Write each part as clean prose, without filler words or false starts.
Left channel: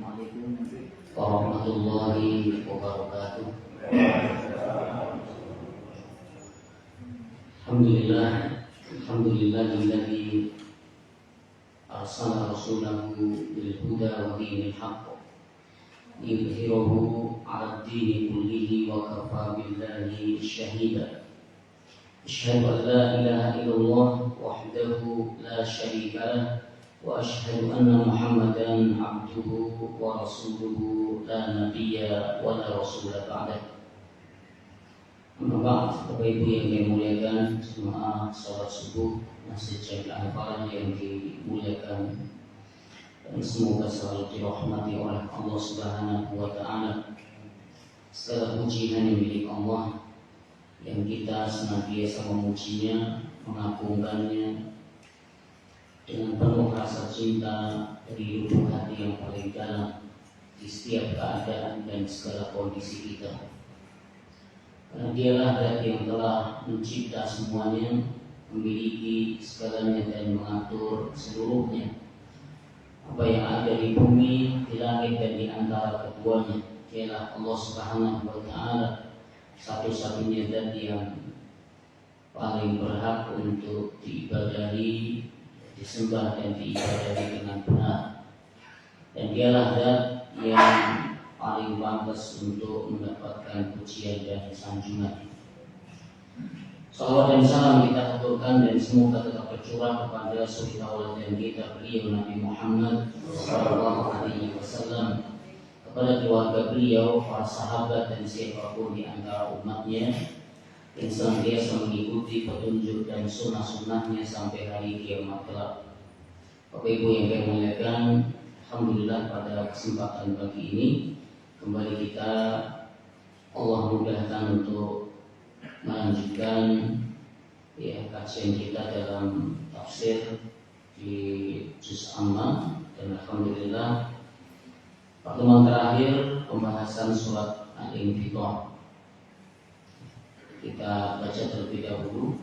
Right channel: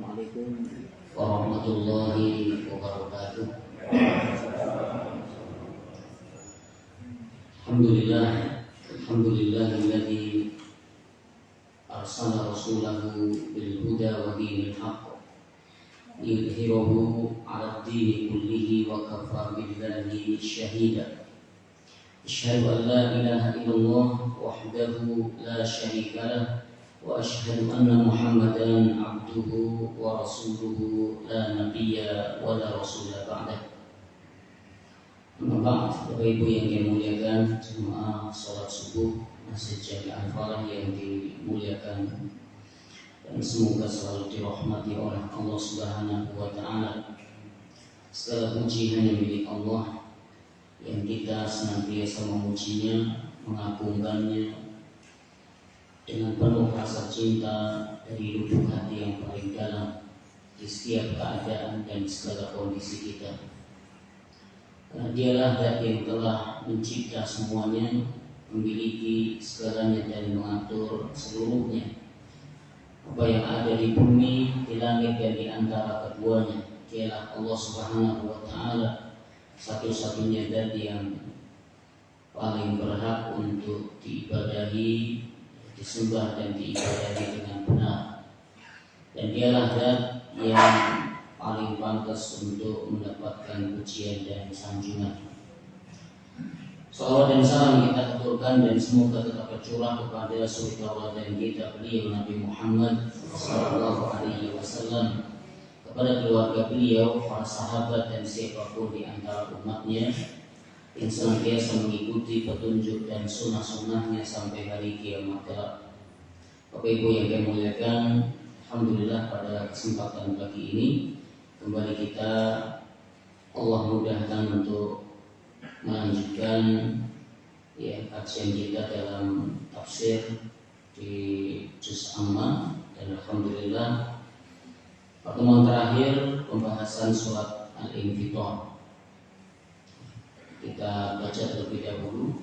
Assalamualaikum warahmatullahi wabarakatuh. Alhamdulillahilladzi arsala rasulahu bil huda wa dinil haqq liyudhhirahu 'ala ad-dini kullihi wa kafa billahi shahida. Asyhadu an la ilaha illallah wahdahu la syarika lah wa asyhadu anna Muhammadan 'abduhu wa rasuluhu la nabiyya wa la rasula ba'dah. Amma ba'd, Bapak Ibu yang dimuliakan jemaah salat subuh Masjid Jami Al-Falah yang dimuliakan dan semoga selalu dirahmati oleh Allah Subhanahu wa taala. Segala puji hanya milik Allah yang kita senantiasa memujinya, mengagungkannya dengan penuh rasa cinta dari lubuk hati yang paling dalam di setiap keadaan dan segala kondisi kita. Karena dialah zat yang telah mencipta semuanya, memiliki segalanya dan mengatur seluruhnya. Apa yang ada di bumi, di langit dan di antara keduanya, dialah Allah Subhanahu wa taala, satu-satunya zat yang paling berhak untuk diibadahi, disembah dan diibadahi dengan benar. Dan dialah zat yang paling pantas untuk mendapatkan pujian dan sanjungan. Salawat dan salam kita aturkan dan semoga tetap tercurah kepada suri tauladan kita beliau Nabi Muhammad sallallahu alaihi wasallam, kepada keluarga beliau, para sahabat dan siapapun di antara umatnya yang senantiasa mengikuti petunjuk dan sunnah-sunnahnya sampai hari kiamat kelak. Bapak Ibu yang saya muliakan, alhamdulillah pada kesempatan pagi ini kembali kita Allah mudahkan untuk melanjutkan kajian kita dalam tafsir di Juz Amma, dan alhamdulillah pertemuan terakhir pembahasan surat Al-Infitar. Kita baca terlebih dahulu.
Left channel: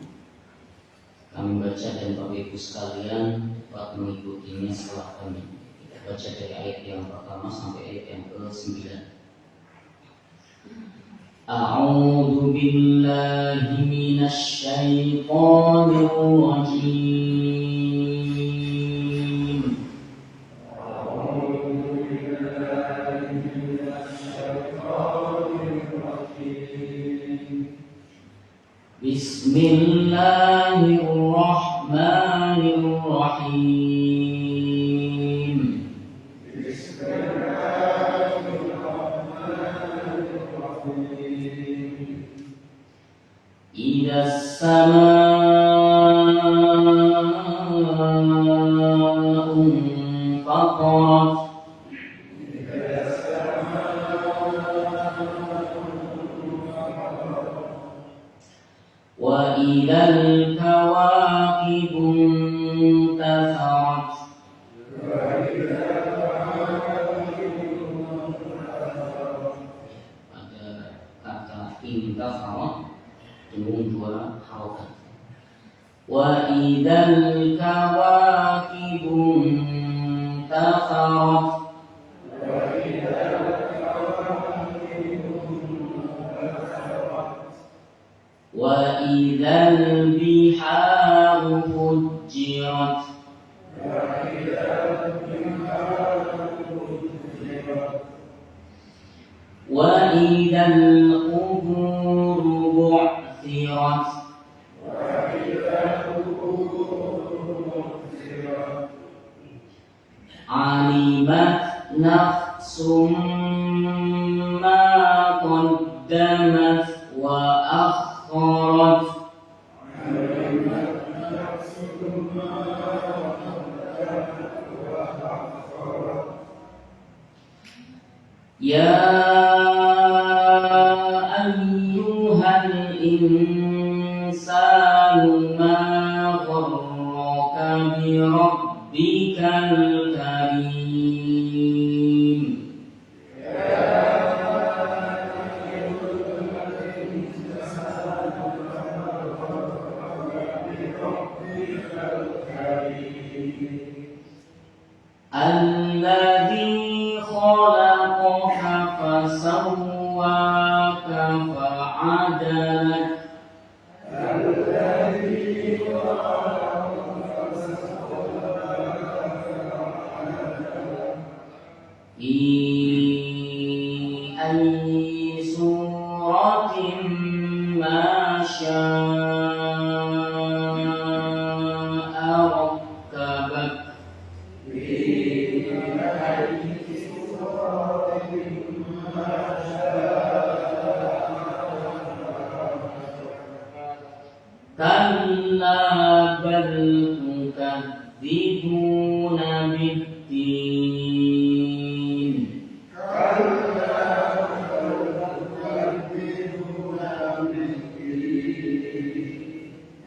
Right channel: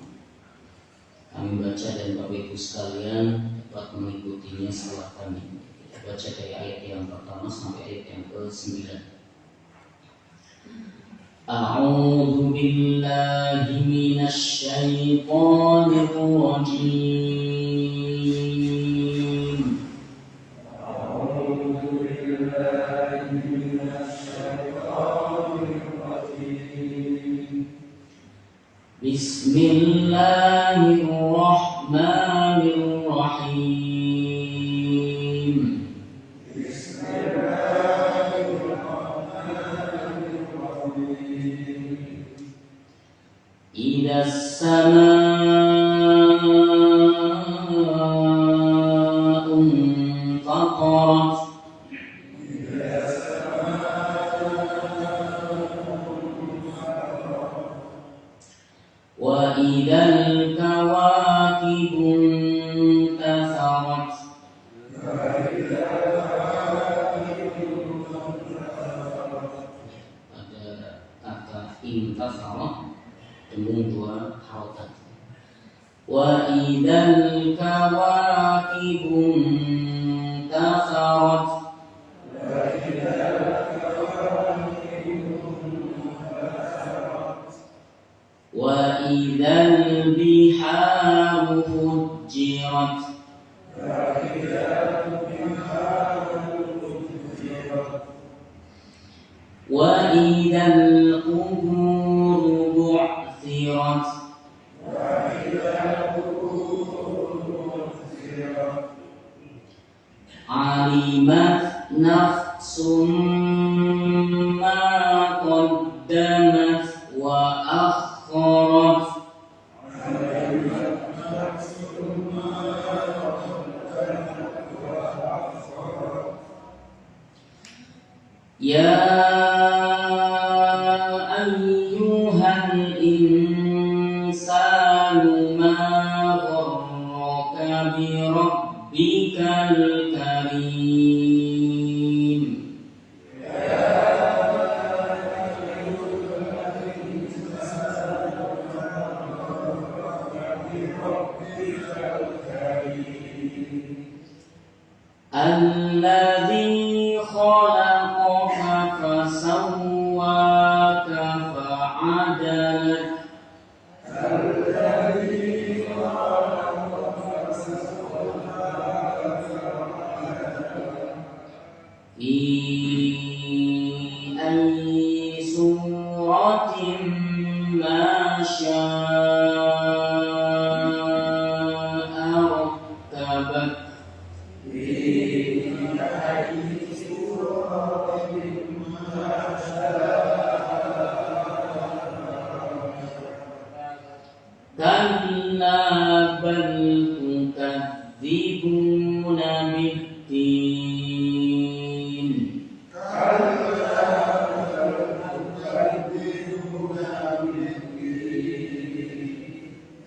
Kami baca dan Bapak Ibu sekalian dapat mengikutinya setelah kami. Kita baca dari ayat yang pertama sampai ayat yang ke-9. A'udzu billahi minasy syaithanir rajim. A'udzu billahi minasy syaithanir rajim. Bismillahirrahmanirrahim. Idza as-samaa'u fatarat wa idzal kawakibu intatharat. Ada kata intatharat dengan dua harokat. Wa idzal kawakibu intatharat wa idzal biharu fujjirat wa idzal quburu bu'thirat alimat nafsum ma qaddamat wa akharat. Ya ayyuhal insanu ma gharraka bi rabbikal karim. Alladzi fi ayyi suratin ma syaa rakkabak. Kalla bal tukadzibuna biddin.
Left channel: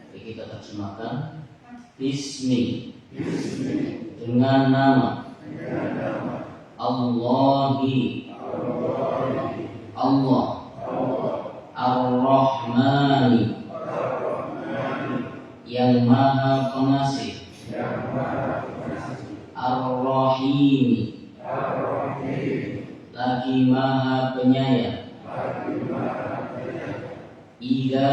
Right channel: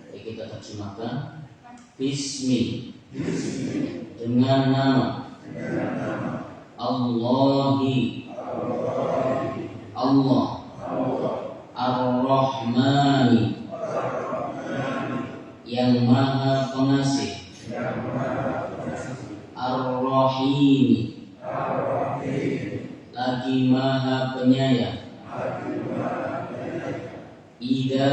Mari kita terjemahkan. Bismi, dengan nama Allahi, Allah, Ar-Rahmani, yang maha pengasih, Ar-Rahimi, lagi maha penyayang. Ida,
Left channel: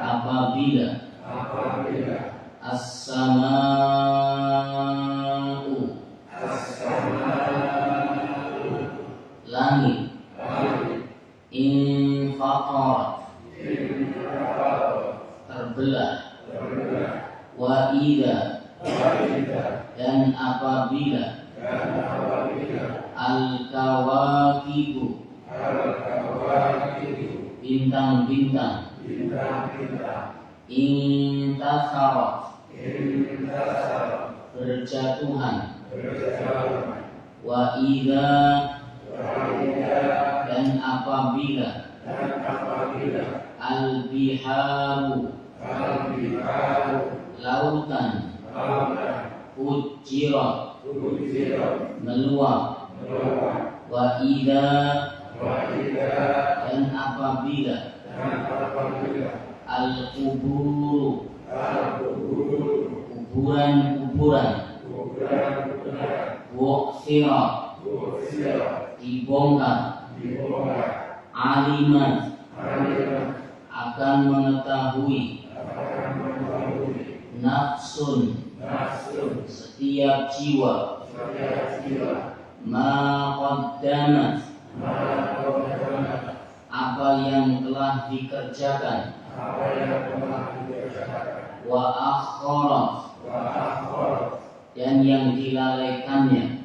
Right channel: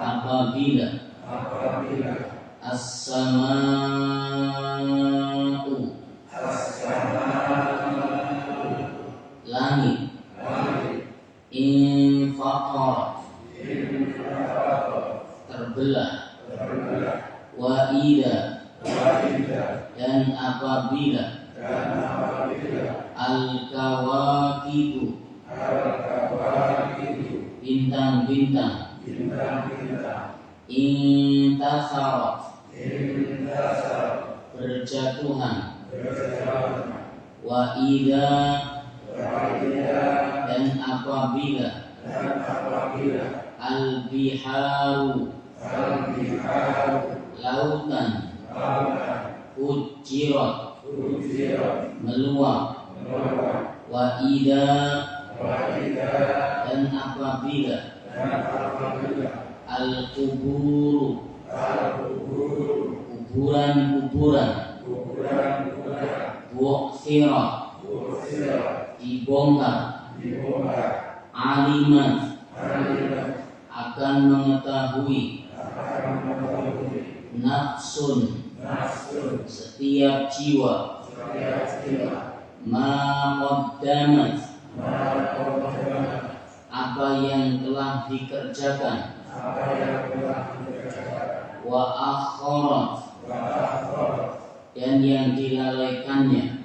apabila, As-sama'u, langit, Infaqarat, terbelah. Wa ida, dan apabila, Al-kawakibu, bintang-bintang, Intasarat, berjatuhan. Wa ida, dan apabila, Al-biharu, lautan, Ujirat, meluap. Wa ida, dan apabila, Al-kuburu, kuburan-kuburan, Bu'thirat, dibongkar. Alimat, akan mengetahui. Nafsun, setiap jiwa. Ma qaddamat, apa yang telah dikerjakan. Wa akharat, dan yang dilalaikannya.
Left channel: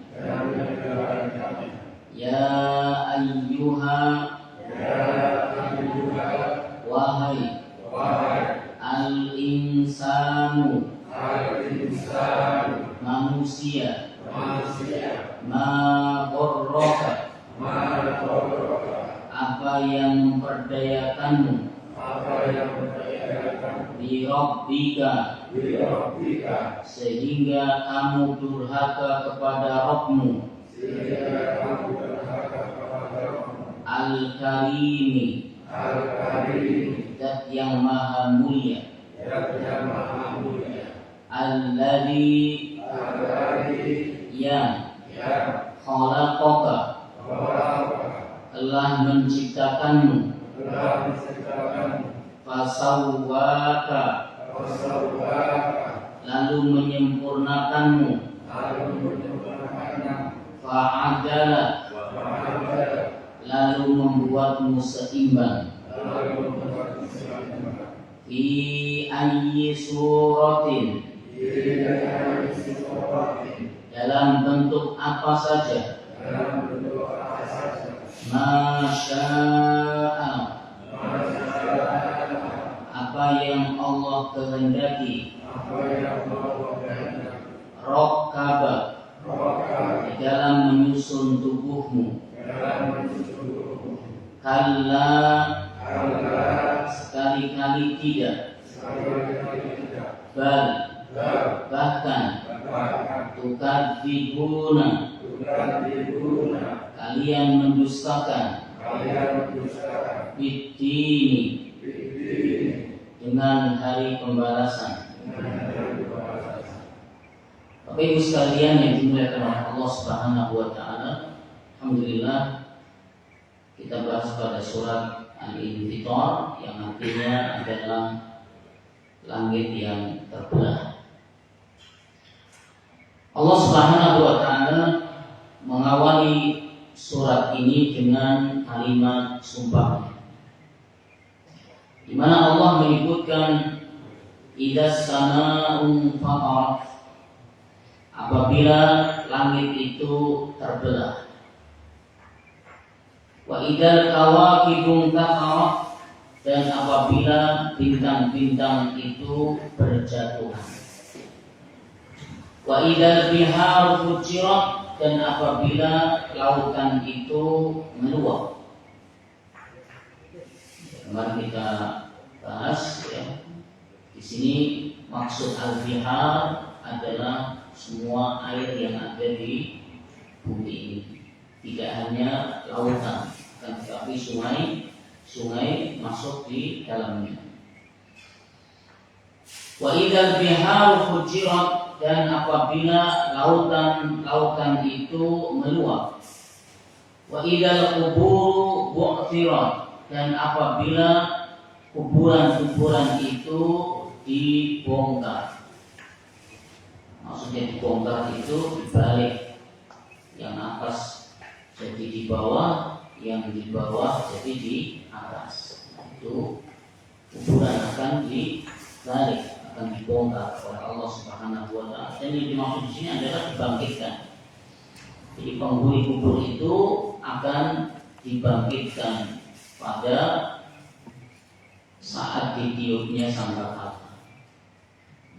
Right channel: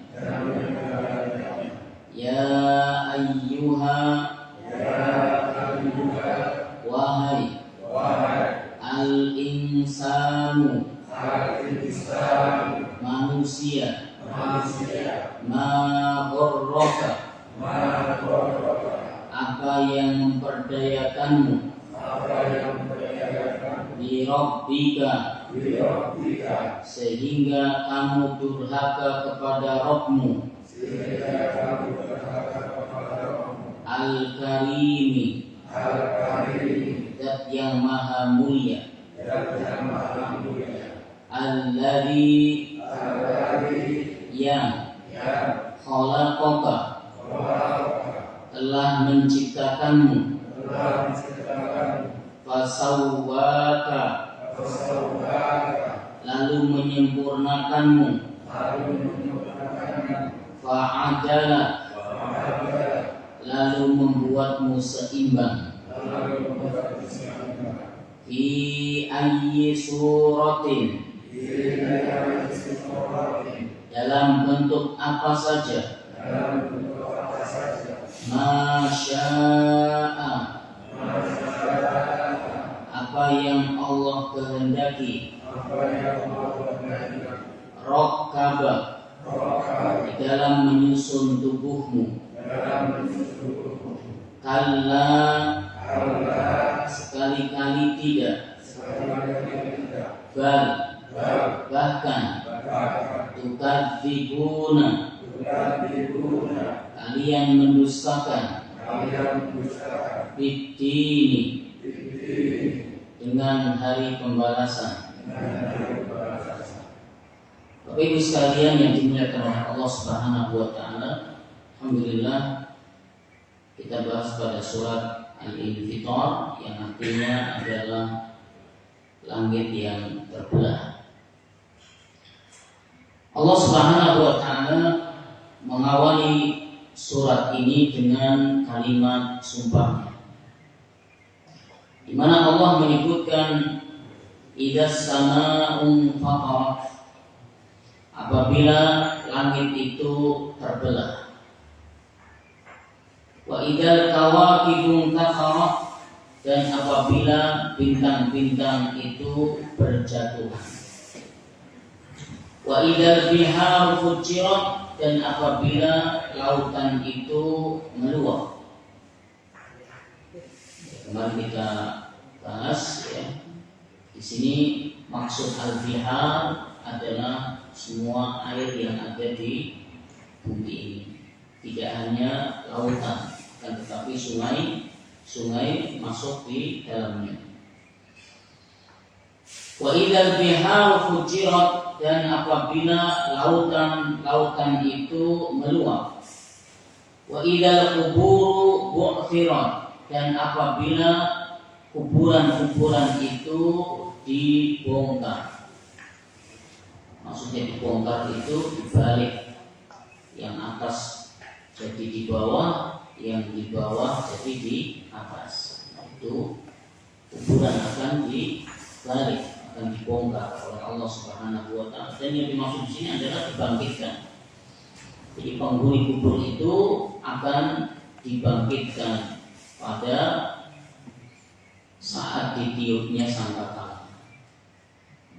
Ya ayyuha, wahai. Al-insanu, manusia. Ma gharraka, apa yang memperdayakanmu. Bi rabbika, sehingga kamu durhaka kepada Rabbmu. Al-karimi, zat yang maha mulia. Alladzi, yang khalaqaka, telah menciptakanmu. Fasawwaka, lalu menyempurnakanmu. Fa'adala, lalu membuatmu seimbang. Fi ayyi suratin, dalam bentuk apa saja. Masya'a, apa yang Allah kehendaki. Rakkaba, di dalam menyusun tubuhmu. Kalla, sekali-kali tidak. Bal, bahkan. Tukadzibuna, kalian mendustakan. Biddini, dengan hari pembalasan. Bapak Ibu sekalian yang dimuliakan oleh Allah Subhanahu wa taala, alhamdulillah kita bahas pada surat Al-Infitar yang artinya adalah langit yang terbelah. Allah Subhanahu wa taala ini dengan kalimat sumpah, di mana Allah menyebutkan idzas samaa'un fatarat, apabila langit itu terbelah, wa idzal kawakibu intatharat, dan apabila bintang-bintang itu berjatuhan, wa idzal biharu fujirat, dan apabila lautan itu meluap. Kemarin kita bahas ya, di sini maksud al-bihar adalah semua air yang ada di bumi ini, tidak hanya lautan, kan, tetapi sungai masuk di dalamnya. Wa idzal biharu fujirat, dan apabila lautan itu meluap. Wa idzal quburu bu'thirat, dan apabila kuburan-kuburan itu dibongkar. Maksudnya dibongkar itu dibalik, yang atas jadi di bawah, yang di bawah jadi di atas. Nah, itu kuburan akan dibalik, akan dibongkar oleh Allah Subhanahu wa taala. Dan yang dimaksud di sini adalah dibangkitkan. Jadi penghuni kubur itu akan dibangkitkan pada saat ditiupnya sangkakala.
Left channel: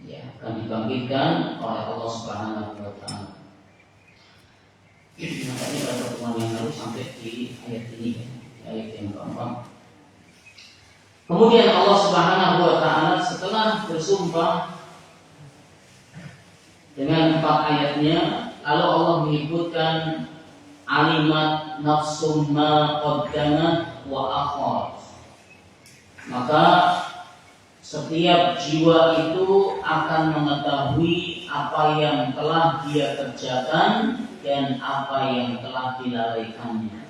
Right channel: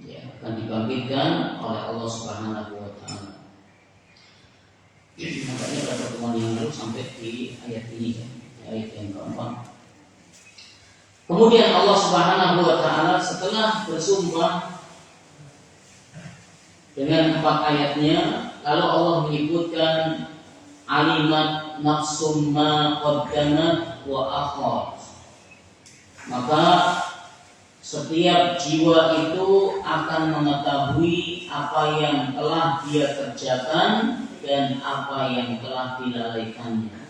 Ya, akan dibangkitkan oleh Allah Subhanahu wa taala. Makanya pada pertemuan yang lalu sampai di ayat ini, ayat yang keempat. Kemudian Allah Subhanahu wa taala setelah bersumpah dengan 4 ayatnya, lalu Allah menyebutkan alimat nafsum ma qaddamat wa akhar. Maka setiap jiwa itu akan mengetahui apa yang telah dia kerjakan dan apa yang telah dilalaikannya.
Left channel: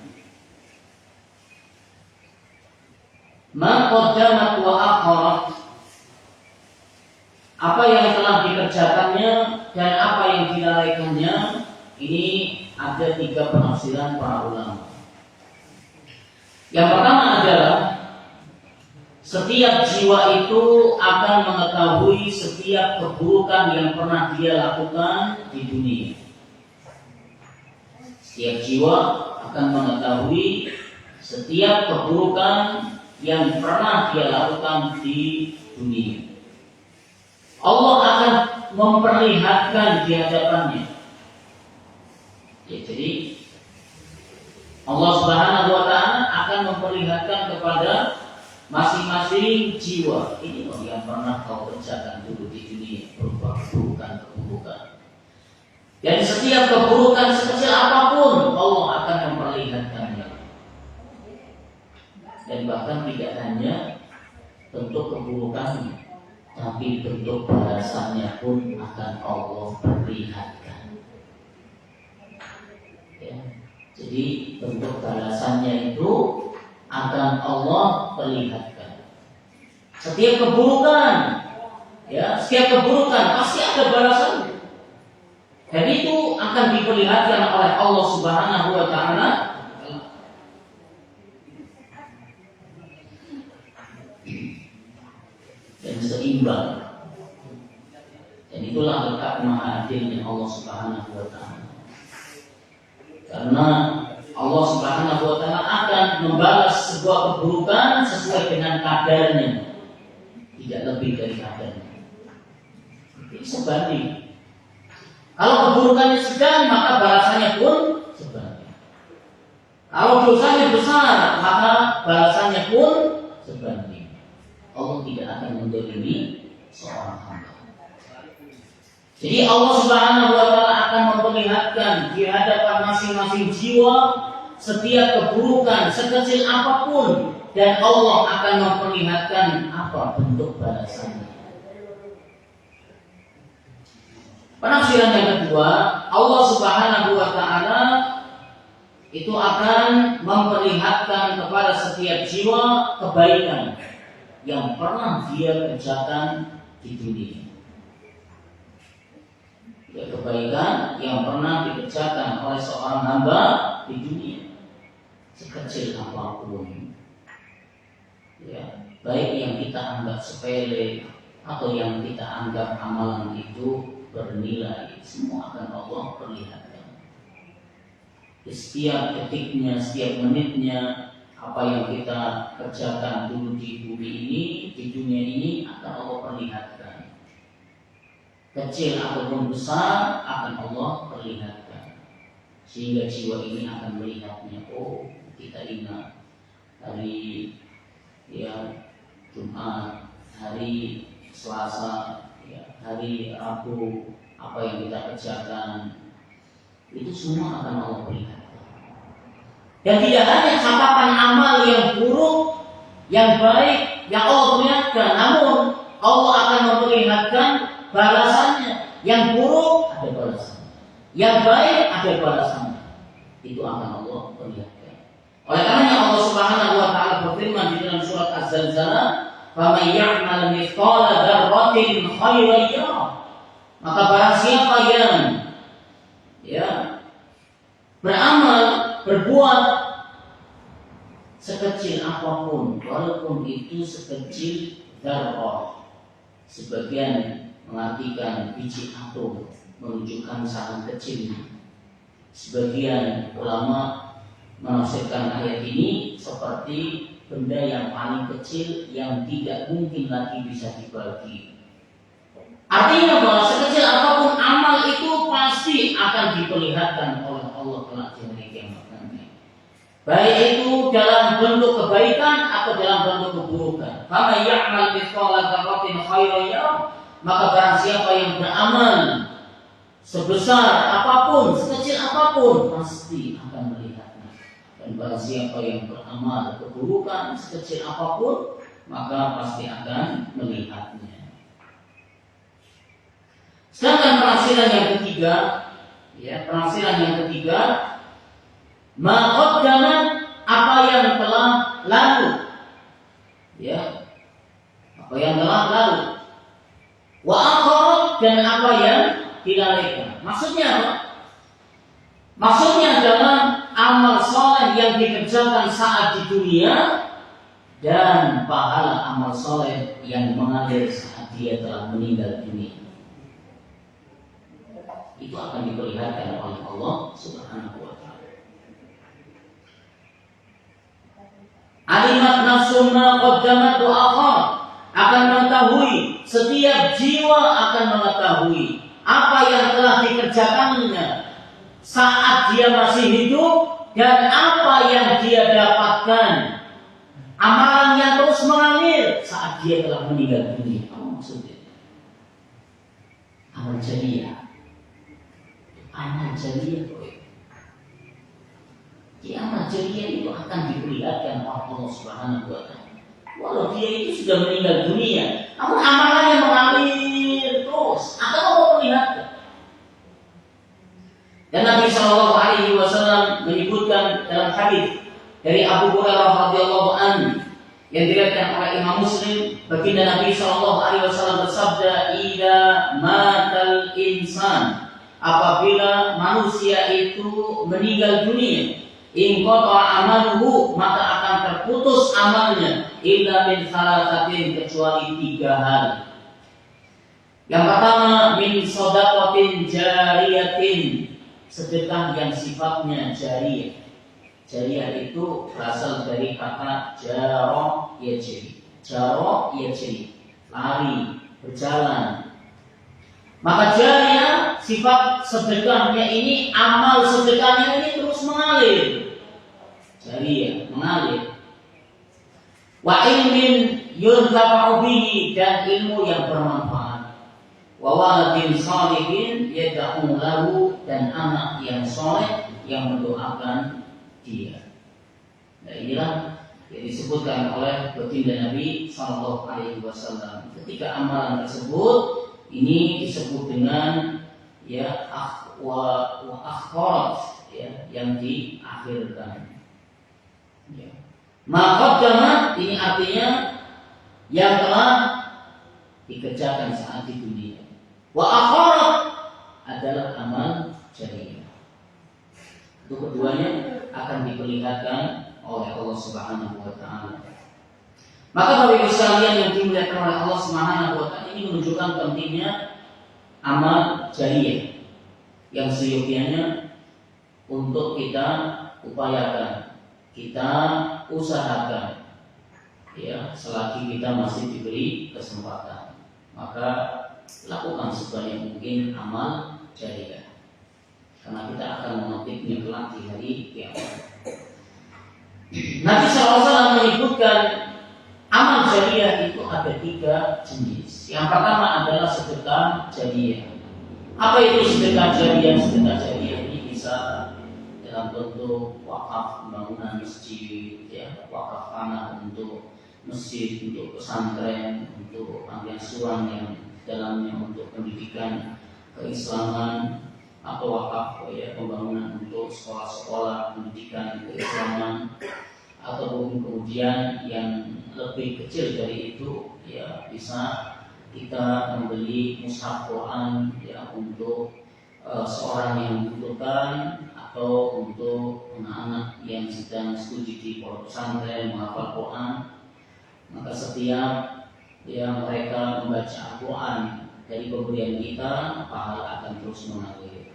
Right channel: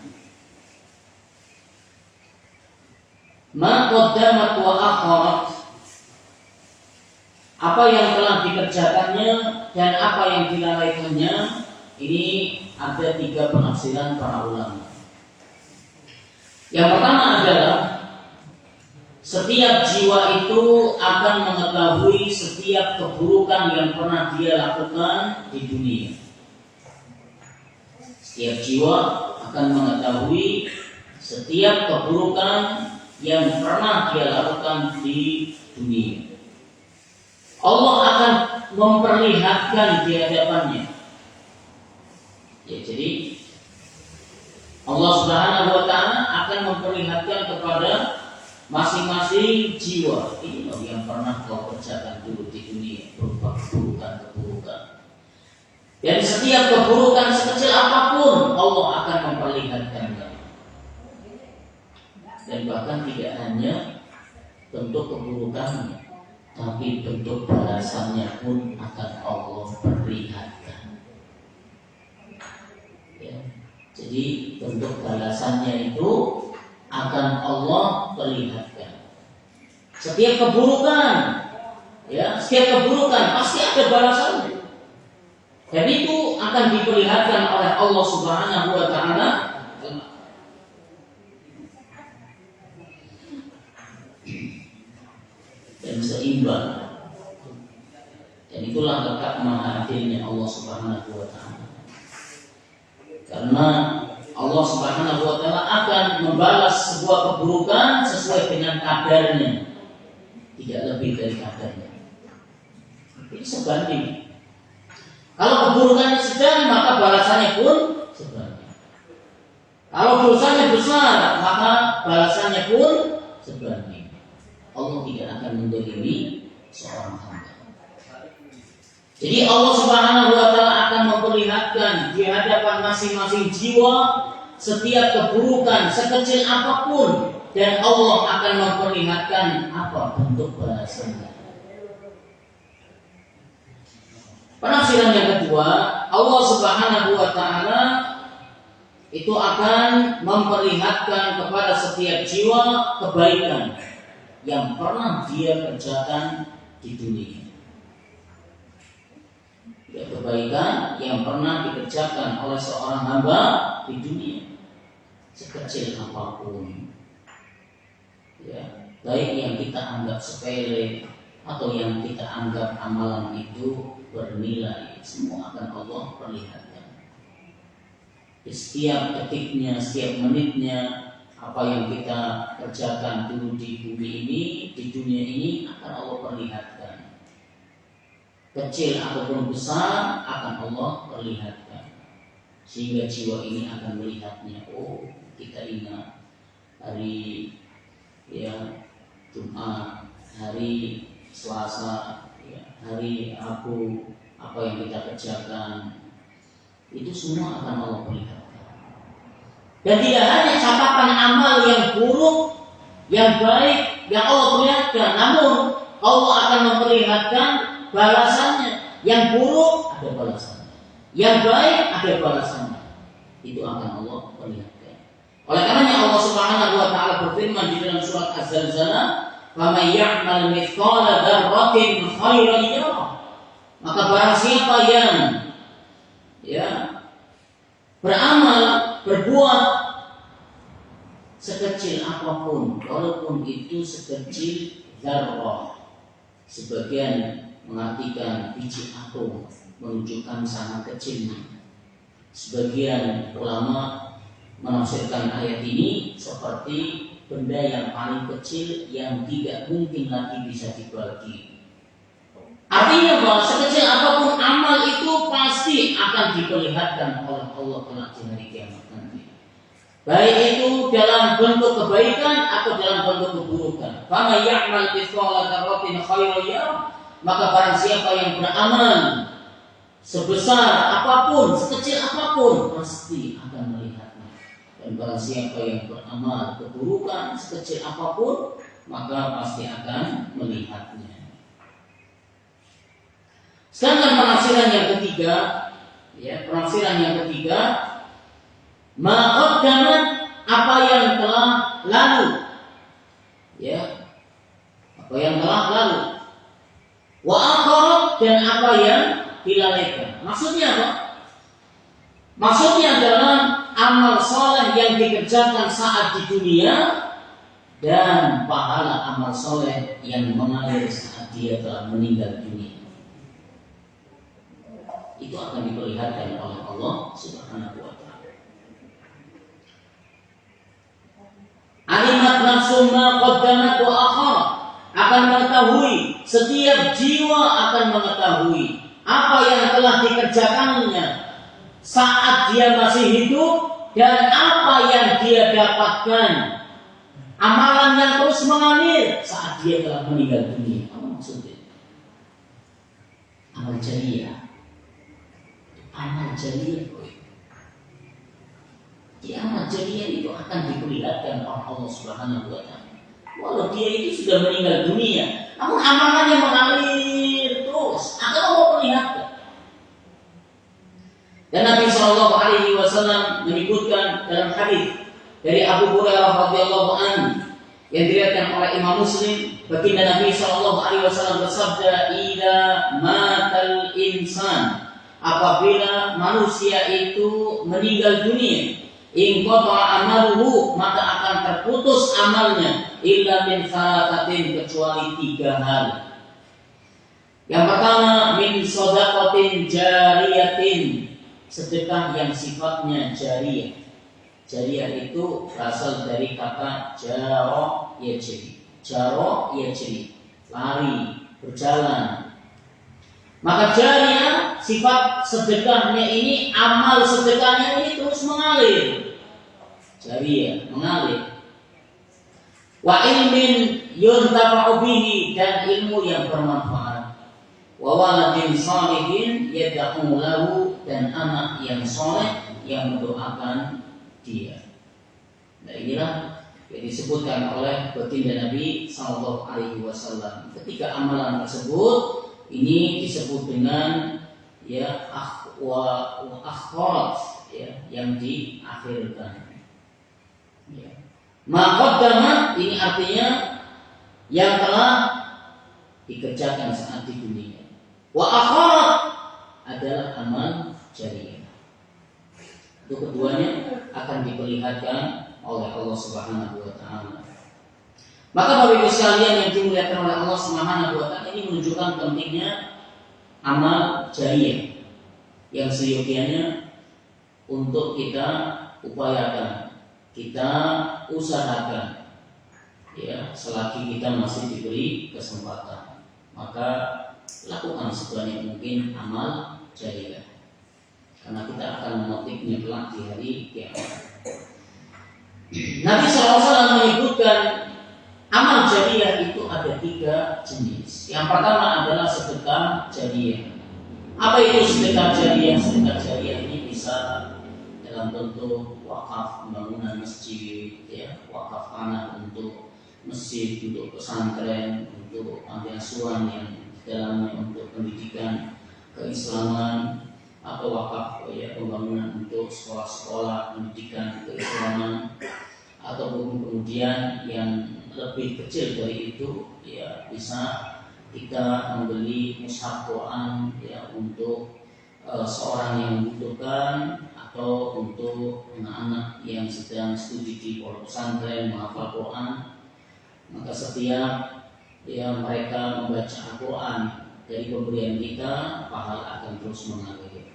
Ma qaddamat wa akharat, apa yang telah dikerjakannya dan apa yang dilalaikannya. Ini ada 3 penafsiran para ulama. Yang pertama adalah setiap jiwa itu akan mengetahui setiap keburukan yang pernah dia lakukan di dunia. Setiap jiwa akan mengetahui setiap keburukan yang pernah dia lakukan di dunia. Allah akan memperlihatkan di hadapannya. Ya, jadi Allah Subhanahu wa taala akan memperlihatkan kepada masing-masing jiwa, ini loh yang pernah kau kerjakan dulu di dunia, berupa keburukan. Dan setiap keburukan sekecil apapun Allah akan memperlihatkannya. Dan bahkan tidak hanya bentuk keburukannya, tapi bentuk balasannya pun akan Allah perlihatkan. Ya. Jadi bentuk balasannya itu akan Allah perlihatkan. Setiap keburukan, ya, setiap keburukan pasti ada balasannya. Dan itu akan diperlihatkan oleh Allah Subhanahu wa taala. Dan seimbang. Dan itulah letak maha adilnya Allah Subhanahu wa taala. Karena Allah Subhanahu wa taala akan membalas sebuah keburukan sesuai dengan kadarnya, tidak lebih dari kadarnya. Ini sebanding. Kalau keburukannya sedang, maka balasannya pun sebanding. Kalau dosanya besar, maka balasannya pun sebanding. Allah tidak akan mendolimi seorang hamba. Jadi Allah Subhanahu wa taala akan memperlihatkan di hadapan masing-masing jiwa setiap keburukan sekecil apapun, dan Allah akan memperlihatkan apa bentuk balasannya. Penafsiran yang kedua, Allah Subhanahu wa taala itu akan memperlihatkan kepada setiap jiwa kebaikan yang pernah dia kerjakan di dunia. Ya, kebaikan yang pernah dikerjakan oleh seorang hamba di dunia. sekecil apapun, ya, baik yang kita anggap sepele atau yang kita anggap amalan itu bernilai, semua akan Allah perlihatkan. Di setiap detiknya, setiap menitnya, apa yang kita kerjakan dulu di bumi ini, di dunia ini akan Allah perlihatkan. Kecil ataupun besar akan Allah perlihatkan. Sehingga jiwa ini akan melihatnya. Oh, kita ingat hari Jumat, hari Selasa, hari Rabu, apa yang kita kerjakan, itu semua akan Allah perlihatkan. Dan tidak hanya catatan amal yang buruk, yang baik, yang Allah perlihatkan, namun Allah akan memperlihatkan balasannya. Yang buruk ada balasannya, yang baik ada balasannya. Itu akan Allah perlihatkan. Oleh karenanya Allah Subhanahu wa taala berfirman di dalam surat Az-Zalzalah, "Faman ya'mal mithqala dzarratin khairan yarah." Maka barang siapa yang beramal, berbuat sekecil apapun, walaupun itu sekecil dzarrah. Sebagian mengartikan biji atom, menunjukkan sangat kecil. Sebagian ulama menafsirkan ayat ini seperti benda yang paling kecil yang tidak mungkin lagi bisa dibagi. Artinya bahwa sekecil apapun amal itu pasti akan diperlihatkan oleh Allah kelak di hari kiamat nanti. Baik itu dalam bentuk kebaikan atau dalam bentuk keburukan. Faman ya'mal mithqala dzarratin khairan yarah. Maka barang siapa yang beramal sebesar apapun, sekecil apapun, pasti akan melihatnya. Dan barang siapa yang beramal keburukan sekecil apapun, maka pasti akan melihatnya. Sedangkan penafsiran yang ketiga, maqaddamat, apa yang telah lalu, apa yang telah lalu, wa akharat, dan apa yang dilalaikan. Maksudnya apa? Maksudnya adalah amal soleh yang dikerjakan saat di dunia dan pahala amal soleh yang mengalir saat dia telah meninggal dunia. Itu akan diperlihatkan oleh Allah Subhanahu wa taala. Alimat nafsum ma qaddamat wa akharat, akan mengetahui, setiap jiwa akan mengetahui apa yang telah dikerjakannya saat dia masih hidup dan apa yang dia dapatkan, amalan yang terus mengalir saat dia telah meninggal dunia. Apa maksudnya? Amal jariah. Amal jariah. Di amal jariah itu akan diperlihatkan oleh Allah Subhanahu wa taala. Walau dia itu sudah meninggal dunia, namun amalan yang mengalir terus akan Allah perlihatkan. Dan Nabi Shallallahu Alaihi Wasallam menyebutkan dalam hadis dari Abu Hurairah radhiyallahu anhu yang diriwayatkan oleh Imam Muslim, baginda Nabi Shallallahu Alaihi Wasallam bersabda, "Idza matal insan," apabila manusia itu meninggal dunia, in qata'a amaluhu, maka akan terputus amalnya, illa min salasatin, kecuali 3 hal. Yang pertama, min shadaqatin jariyatin, sedekah yang sifatnya jariyah. Jariyah itu berasal dari kata jaro yajri. Jaro yajri, lari, berjalan. Maka jariyah, sifat sedekahnya ini, amal sedekahnya ini terus mengalir. Jariyah, mengalir. Wa ilmin yuntafa'u bihi, dan ilmu yang bermanfaat. Wa waladin shalihin yad'u lahu, dan anak yang soleh yang mendoakan dia. Nah, inilah yang disebutkan oleh baginda Nabi Sallallahu Alaihi Wasallam. Ketika amalan tersebut ini disebut dengan akhirat, yang diakhirkan. Maqaddamat, ini artinya yang telah dikerjakan saat di dunia. Wa akhirat adalah amal jariah. Itu keduanya akan diperlihatkan oleh Allah Subhanahu wa taala. Maka Bapak Ibu sekalian yang dimuliakan oleh Allah Subhanahu wa taala, ini menunjukkan pentingnya amal jariyah yang seyogianya untuk kita upayakan, kita usahakan, ya, selagi kita masih diberi kesempatan, maka lakukan sebanyak mungkin amal jariyah, karena kita akan memetiknya kelak di hari kiamat. Nabi SAW menyebutkan amal jariyah itu ada 3 jenis. Yang pertama adalah sedekah jariyah. Apa itu sedekah jariyah? Sedekah jariyah ini bisa dalam bentuk wakaf pembangunan masjid, ya, wakaf tanah untuk masjid, untuk pesantren, untuk panti asuhan yang dalamnya untuk pendidikan keislaman, atau wakaf, ya, pembangunan untuk sekolah-sekolah pendidikan keislaman, ataupun kemudian yang lebih kecil dari itu, ya, bisa kita membeli mushaf Quran, ya, untuk seorang yang membutuhkan, atau untuk anak-anak yang sedang studi di pondok pesantren menghafal Quran. Maka setiap, ya, mereka membaca Al-Quran dari pemberian kita, pahala akan terus mengalir.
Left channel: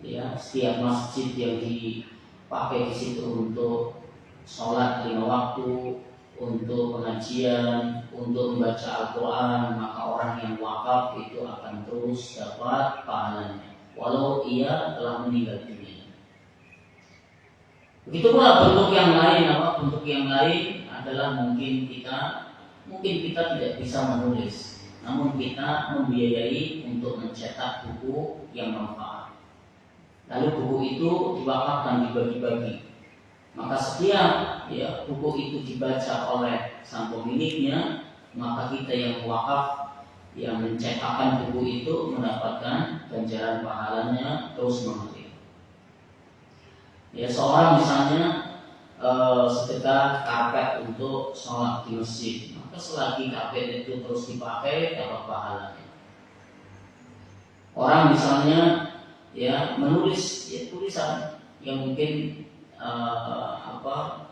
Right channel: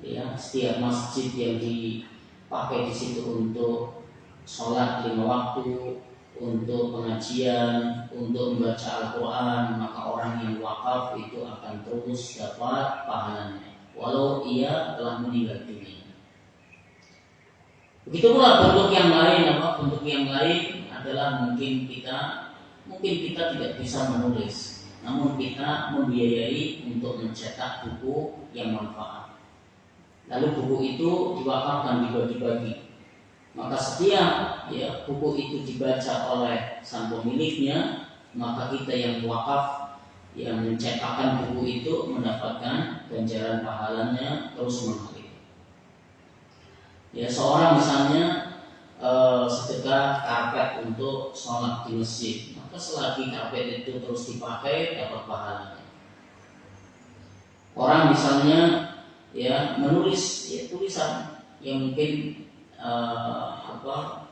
Ya, setiap masjid yang dipakai di situ untuk sholat 5 waktu, untuk pengajian, untuk membaca Al-Quran, maka orang yang wakaf itu akan terus dapat pahalanya, walau ia telah meninggal dunia. Begitu pula bentuk yang lain, bentuk yang lain adalah mungkin kita tidak bisa menulis, namun kita membiayai untuk mencetak buku yang manfaat. Lalu buku itu diwakafkan, dibagi-bagi. Maka setiap, ya, buku itu dibaca oleh sang pemiliknya, maka kita yang wakaf, yang mencetakkan buku itu mendapatkan ganjaran pahalanya terus mengalir. Ya, seorang misalnya sedekah karpet untuk sholat di masjid, maka selagi karpet itu terus dipakai dapat pahalanya. Orang misalnya, ya, menulis, ya, tulisan yang mungkin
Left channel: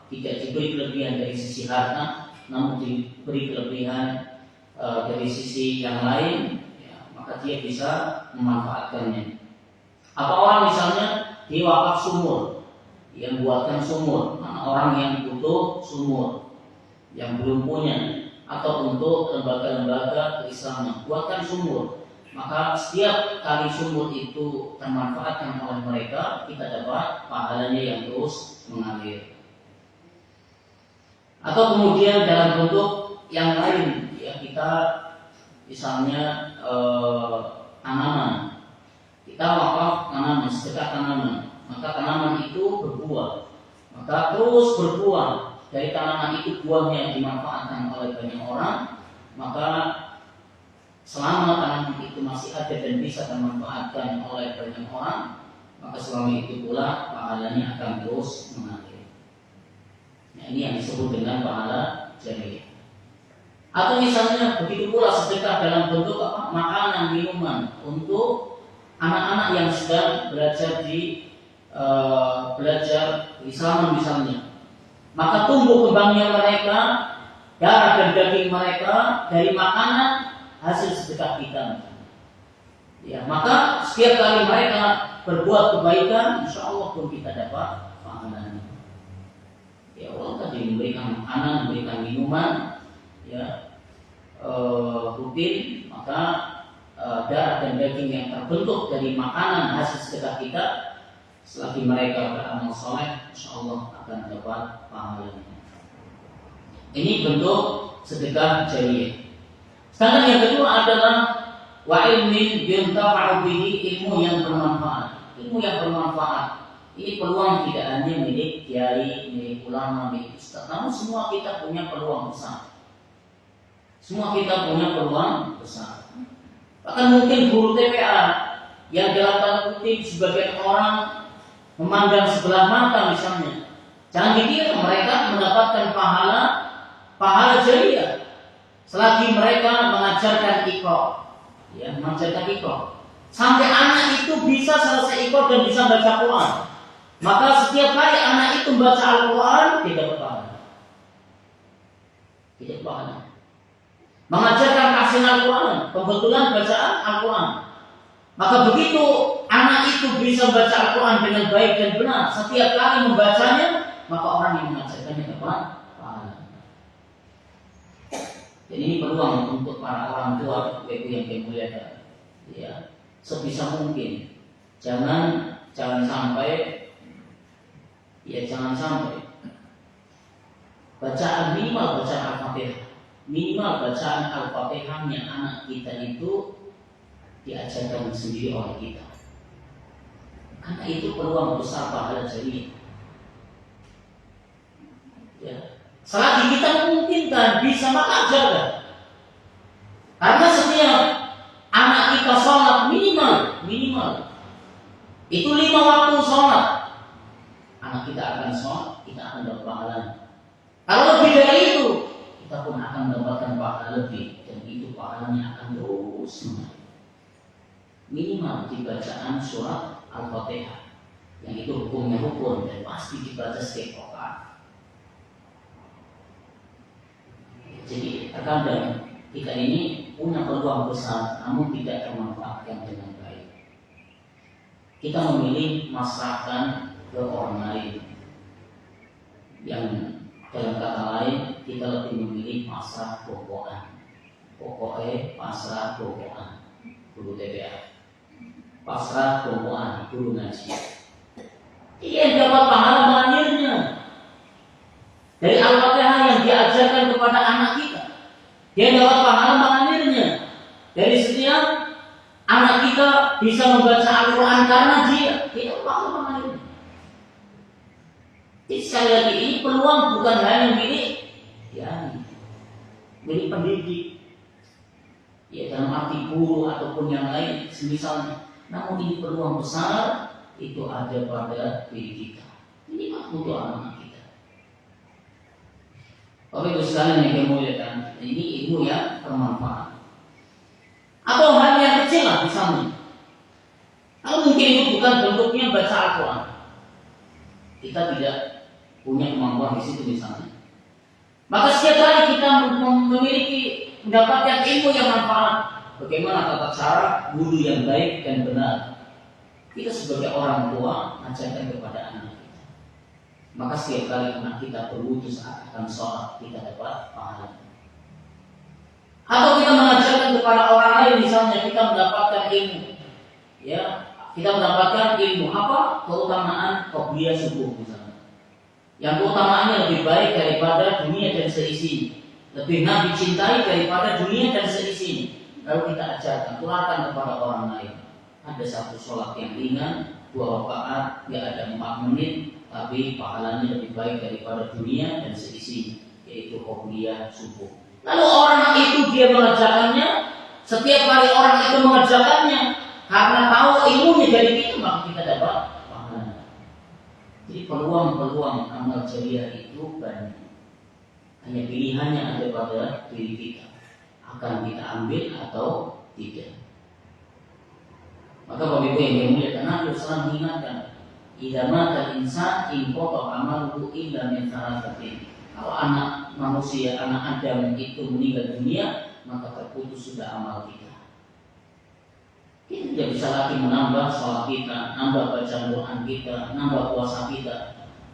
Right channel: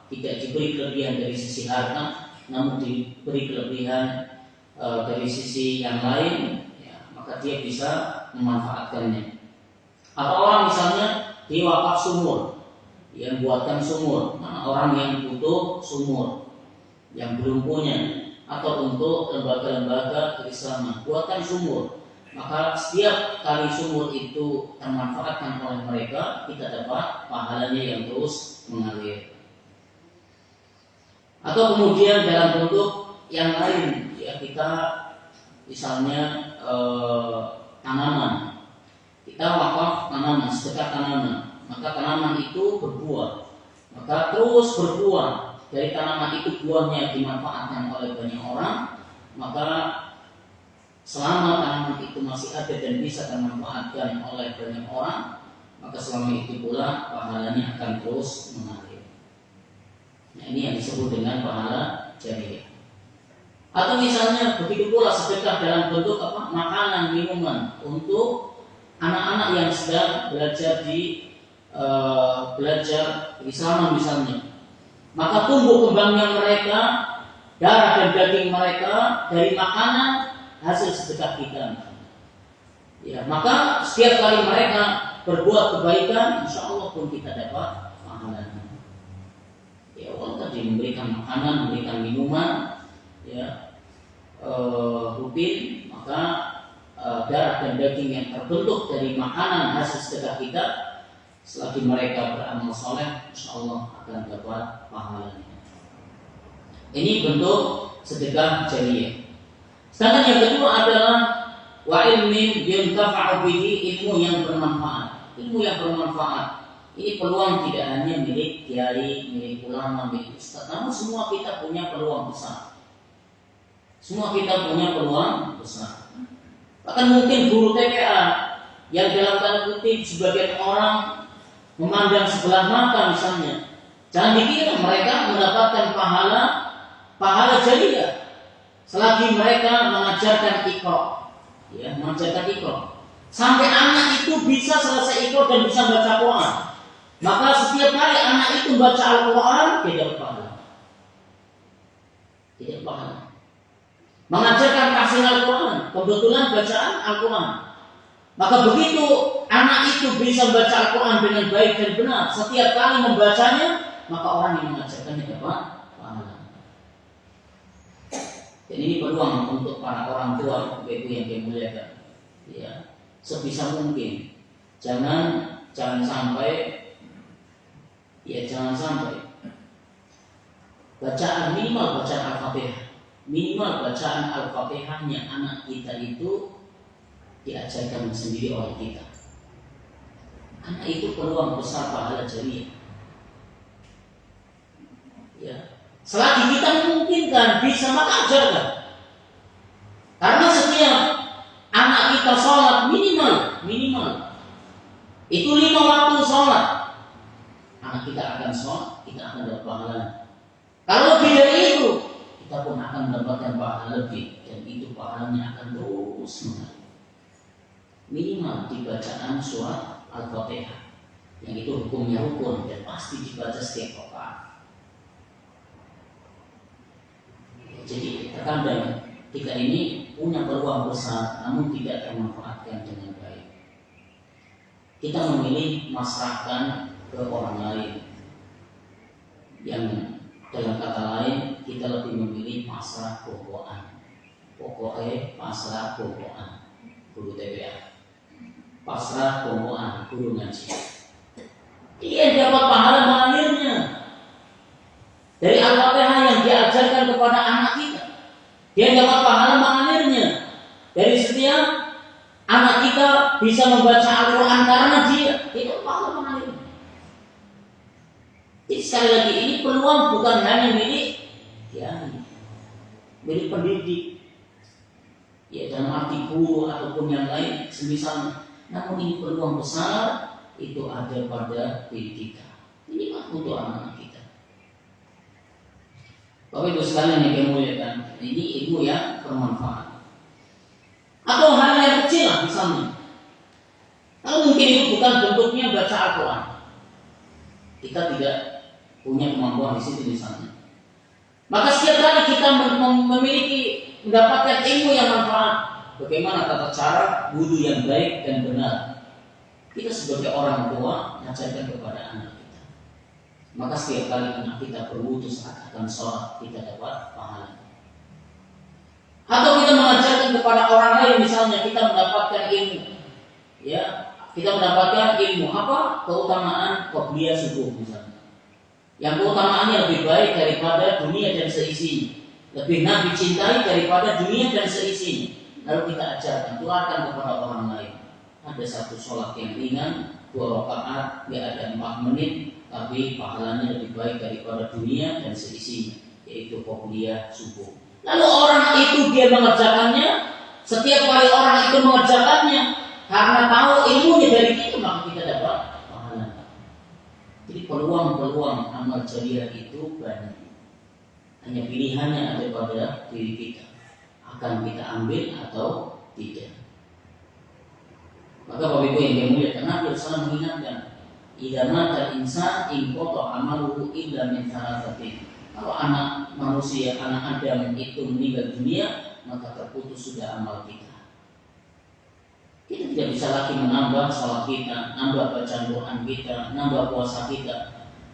tidak diberi kelebihan dari sisi harta, namun diberi kelebihan dari sisi yang lain, ya, maka dia bisa memanfaatkannya. Atau orang misalnya diwakaf sumur, yang buatkan sumur, orang yang butuh sumur, yang belum punya, atau untuk lembaga-lembaga keislaman buatkan sumur, maka setiap kali sumur itu termanfaatkan oleh mereka, kita dapat pahalanya yang terus mengalir. Atau kemudian dalam bentuk yang lain, ya, kita misalnya tanaman, kita wakaf tanaman, sedekah tanaman, maka tanaman itu berbuah, maka terus berbuah. Dari tanaman itu buahnya dimanfaatkan oleh banyak orang, maka selama tanaman itu masih ada dan bisa dimanfaatkan oleh banyak orang, maka selama itu pula pahalanya akan terus mengalir. Nah, ini yang disebut dengan pahala jariyah. Atau misalnya begitu pula sedekah dalam bentuk makanan, minuman untuk anak-anak yang sedang belajar di belajar keislaman misalnya, maka tumbuh kembangnya mereka, darah dan daging mereka dari makanan hasil sedekah kita. Ya, maka setiap kali mereka berbuat kebaikan, insya Allah pun kita dapat pahalanya. Ya, Allah tadi memberikan makanan, memberikan minuman, ya, rutin, maka darah dan daging yang terbentuk dari makanan hasil sedekah kita, selagi mereka beramal soleh, insya Allah akan dapat pahalanya. Ini bentuk sedekah jariyah. Sedangkan yang kedua adalah wa ilmin yuntafa'u bihi, ilmu yang bermanfaat. Ilmu yang bermanfaat ini peluang tidak hanya milik kiai, milik ulama, milik ustaz, namun semua kita punya peluang besar. Semua kita punya peluang besar. Bahkan mungkin guru TPA yang dalam tanda kutip sebagian orang memandang sebelah mata misalnya, jangan dikira mereka mendapatkan pahala jariyah selagi mereka mengajarkan iqra, ya, mengajarkan iqra, sampai anak itu bisa selesai iqra dan bisa baca Quran. Maka setiap kali anak itu baca Al-Quran, tidak berpahala. Tidak berpahala. Mengajarkan kasih Al-Quran, kebetulan bacaan Al-Quran. Maka begitu anak itu bisa membaca Al-Quran dengan baik dan benar, setiap kali membacanya, maka orang yang mengajarkannya dapat pahala. Dan ini peluang untuk para orang tua yang dimuliakan. Ya, sebisa mungkin jangan sampai bacaan minimal bacaan Al-Fatihah. Minimal bacaan Al-Fatihahnya anak kita itu diajarkan sendiri oleh kita. Karena itu peluang besar pahala jariah. Ya. Selagi kita memungkinkan bisa, maka ajarkan. Karena setiap anak kita sholat minimal itu 5 waktu sholat, anak kita akan sholat, kita akan dapat pahala. Kalau lebih dari itu, kita pun akan mendapatkan pahala lebih, dan itu pahalanya akan terus mengalir. Minimal di bacaan surat Al-Fatihah, yang itu hukumnya rukun dan pasti dibaca setiap rakaat. Jadi terkadang kita ini punya peluang besar, namun tidak termanfaatkan dengan baik. Kita memilih masrahkan ke orang lain, yang dalam kata lain kita lebih memilih pasrah bokoan. Pokoknya pasrah bokoan, guru TPA, pasrah bokoan, guru ngaji. Dia dapat pahala mengalirnya dari Al-Fatihah yang diajarkan kepada anak kita. Dia dapat pahala mengalirnya dari setiap anak kita bisa membaca Al-Quran karena dia tidak pahala mengalirnya. Jadi sekali lagi, ini peluang bukan hanya milik milik pendidik, ya dalam arti guru ataupun yang lain semisalnya. Namun ini peluang besar itu ada pada diri kita. Ini untuk anak kita. Bapak Ibu sekalian yang dimuliakan, ini ilmu yang bermanfaat. Atau hal yang kecil lah misalnya. Kalau mungkin itu bukan bentuknya baca Al-Quran, kita tidak punya kemampuan di situ misalnya. Maka setiap kali kita memiliki mendapatkan ilmu yang manfaat, bagaimana tata cara guru yang baik dan benar, kita sebagai orang tua mengajarkan kepada anak kita. Maka setiap kali anak kita berwudu saat akan sholat, kita dapat pahala. Atau kita mengajarkan kepada orang lain, misalnya kita mendapatkan ilmu, ya kita mendapatkan ilmu apa? Keutamaan qobliyah subuh misalnya, yang keutamaannya lebih baik daripada dunia dan seisinya, lebih Nabi cintai daripada dunia dan seisinya. Lalu kita ajarkan, tularkan kepada orang lain. Ada satu sholat yang ringan, 2 rakaat, ya ada 4 menit, tapi pahalanya lebih baik daripada dunia dan seisinya, yaitu qobliyah subuh. Lalu orang itu dia mengerjakannya, setiap kali orang itu mengerjakannya karena tahu ilmunya dari kita, maka kita dapat pahala. Jadi peluang-peluang amal jariah itu banyak. Hanya pilihannya ada pada diri kita, akan kita ambil atau tidak. Maka Bapak Ibu yang dimuliakan, Nabi SAW mengingatkan, idza mata al-insan inqata amaluhu illa min thalathatin. Kalau anak manusia, anak Adam itu meninggal dunia, maka terputus sudah amal kita. Kita tidak bisa lagi menambah sholat kita, nambah bacaan Quran kita, nambah puasa kita.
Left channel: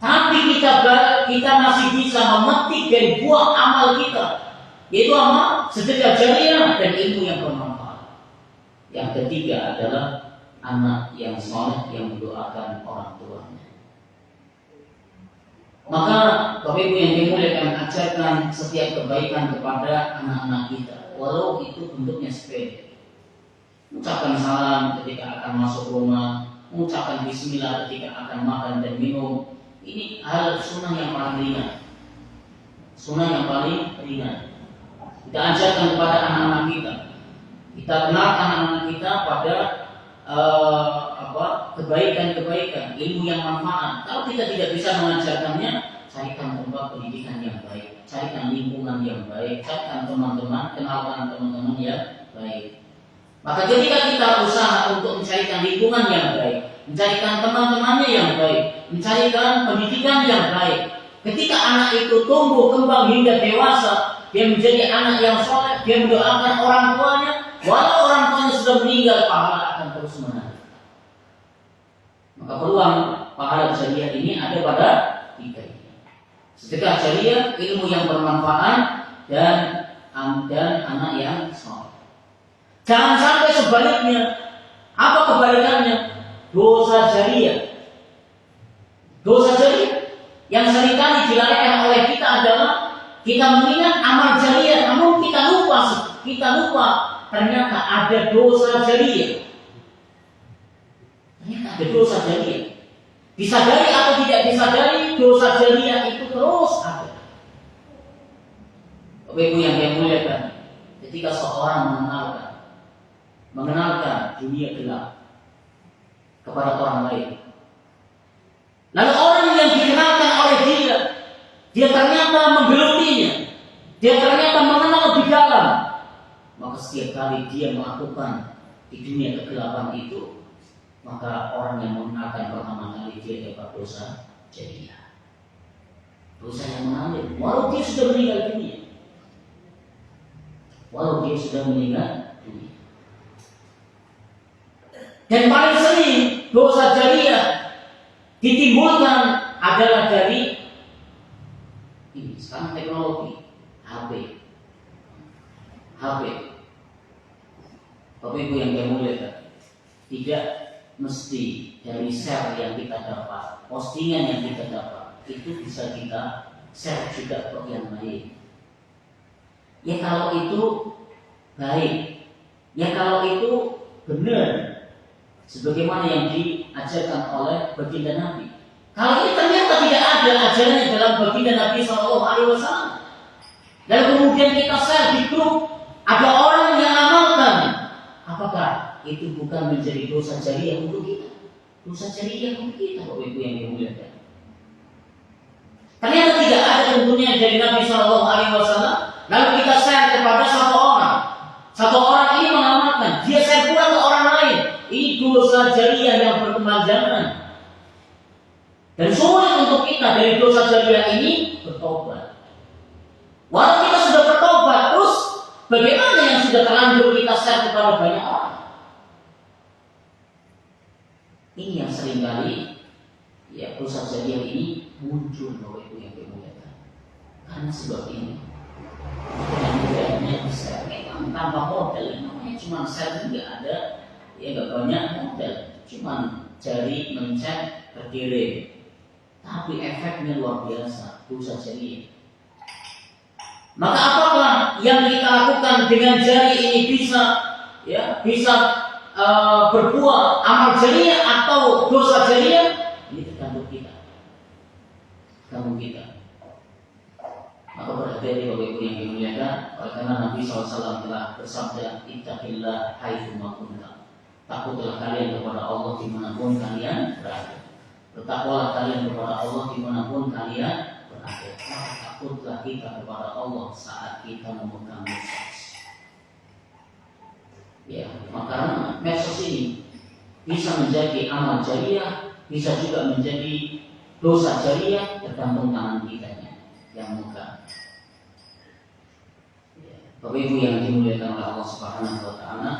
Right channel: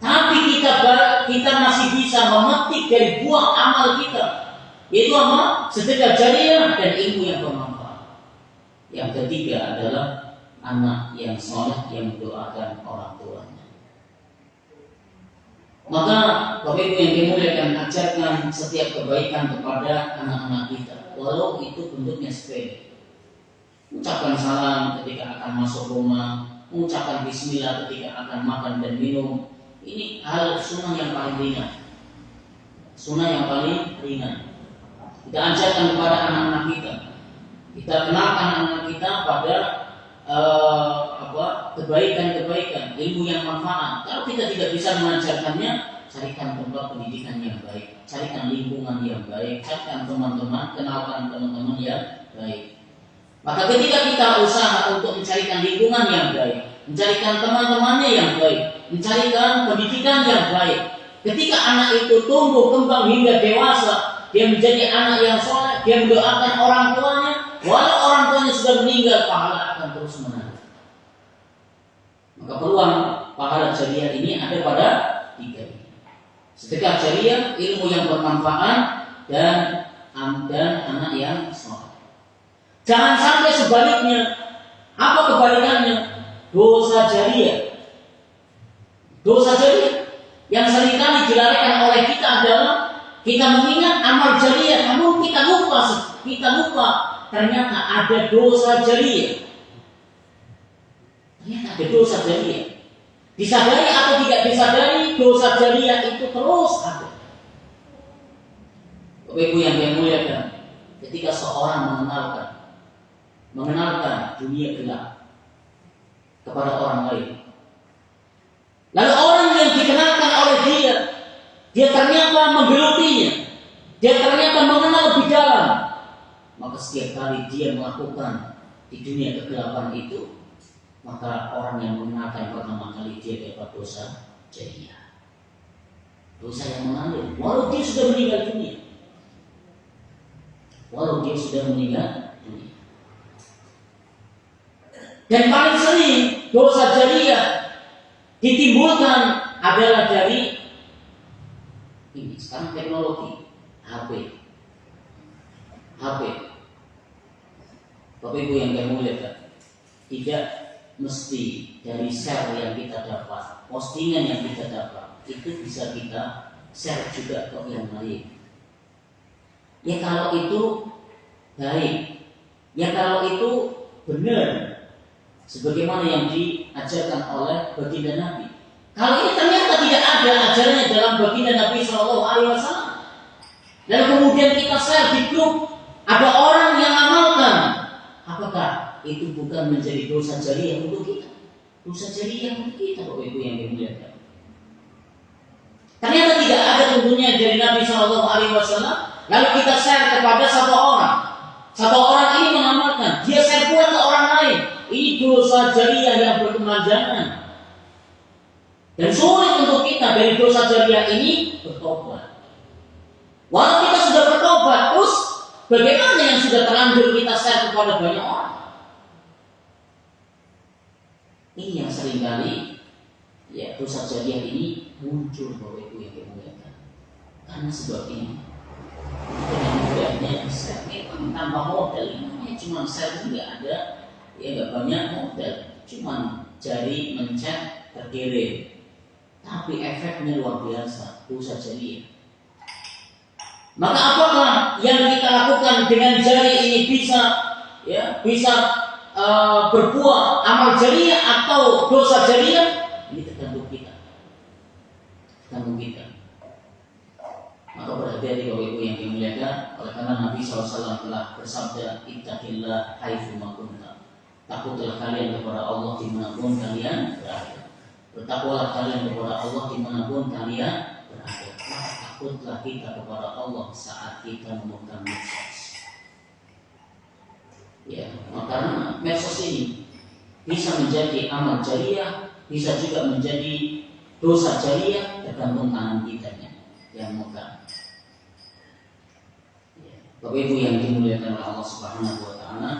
Tapi kita masih bisa memetik dari buah amal kita, yaitu amal sedekah jariah dan ilmu yang bermanfaat. Yang ketiga adalah anak yang soleh yang mendoakan orang tuanya. Maka Bapak Ibu yang dimuliakan, ajarkan setiap kebaikan kepada anak-anak kita, walau itu bentuknya sepele. Mengucapkan salam ketika akan masuk rumah, mengucapkan bismillah ketika akan makan dan minum. Ini hal sunnah yang paling ringan. Sunnah yang paling ringan. Kita ajarkan kepada anak-anak kita. Kita kenalkan anak-anak kita pada kebaikan-kebaikan, ilmu yang manfaat. Kalau kita tidak bisa mengajarkannya, carikan tempat pendidikan yang baik, carikan lingkungan yang baik, carikan teman-teman, kenalkan teman-teman yang baik. Maka ketika kita usaha untuk mencarikan lingkungan yang baik, mencarikan teman-temannya yang baik, mencarikan pendidikan yang baik. Ketika anak itu tumbuh kembang hingga dewasa, dia menjadi anak yang soleh, dia mendoakan orang tuanya, walau orang tuanya sudah meninggal, pahala akan terus mengalir. Maka peluang pahala jariah ini ada pada tiga ini: sedekah jariah, ilmu yang bermanfaat, dan anak yang soleh. Jangan sampai sebaliknya. Apa kebalikannya? Dosa jariah. Dosa jariah yang seringkali dilarikan oleh kita adalah kita mengingat amal jariah, namun kita lupa ternyata ada dosa jariah. Ternyata ada dosa jariah. Disadari atau tidak disadari, dosa jariah itu terus ada. Bapak Ibu yang dimuliakan, ketika seorang mengenalkan dunia gelap kepada orang lain, lalu orang yang dikenalkan oleh dia ternyata menggelutinya, dia ternyata mengenal lebih dalam, maka setiap kali dia melakukan di dunia kegelapan itu, maka orang yang mengenalkan pertama kali dia dapat dosa jariah, dosa yang mengalir, walau dia sudah meninggal dunia. Dan paling sering dosa jariah ditimbulkan adalah dari ini sekarang teknologi HP. Bapak Ibu yang dimuliakan, tidak mesti dari share yang kita dapat, postingan yang kita dapat, itu bisa kita share juga ke yang lain. Ya kalau itu baik, ya kalau itu benar, sebagaimana yang diajarkan oleh baginda Nabi. Kalau ini ternyata tidak ada ajarannya dalam baginda Nabi SAW, dan kemudian kita share di grup, ada orang yang amalkan, apakah itu bukan menjadi dosa jariah untuk kita? Dosa jariah untuk kita, Bapak Ibu yang dimuliakan. Ternyata tidak ada tentunya dari Nabi SAW. Lalu kita share kepada satu orang ini mengamalkan, dia share pula ke orang lain. Ini dosa jariah yang berkepanjangan. Dan sulit untuk kita dari dosa jariah ini bertobat. Walau kita sudah bertobat, terus bagaimana yang sudah terlanjur kita share kepada banyak orang? Ini yang seringkali ya dosa jariah ini muncul, Bapak Ibu yang dimuliakan. Karena sebab ini dengan mudahnya share, memang tanpa modal, namanya cuma share juga ada, ya nggak banyak modal, cuma jari mencet terkirim, tapi efeknya luar biasa, dosa jariah. Maka apakah yang kita lakukan dengan jari ini bisa berbuah amal jariah atau dosa jariah? Ini tergantung kita. Maka berhati-hati Bapak Ibu yang dimuliakan, oleh karena Nabi SAW telah bersabda, ittaqillah haitsu ma kunta. Takutlah kalian kepada Allah dimanapun kalian berada. Bertakwalah kalian kepada Allah dimanapun kalian berada. Takutlah kita kepada Allah saat kita memegang medsos. Ya, maka medsos ini bisa menjadi amal jariah, bisa juga menjadi dosa jariah, tergantung tangan kita yang memegang. Bapak Ibu yang dimuliakan oleh Allah Subhanahu wa taala,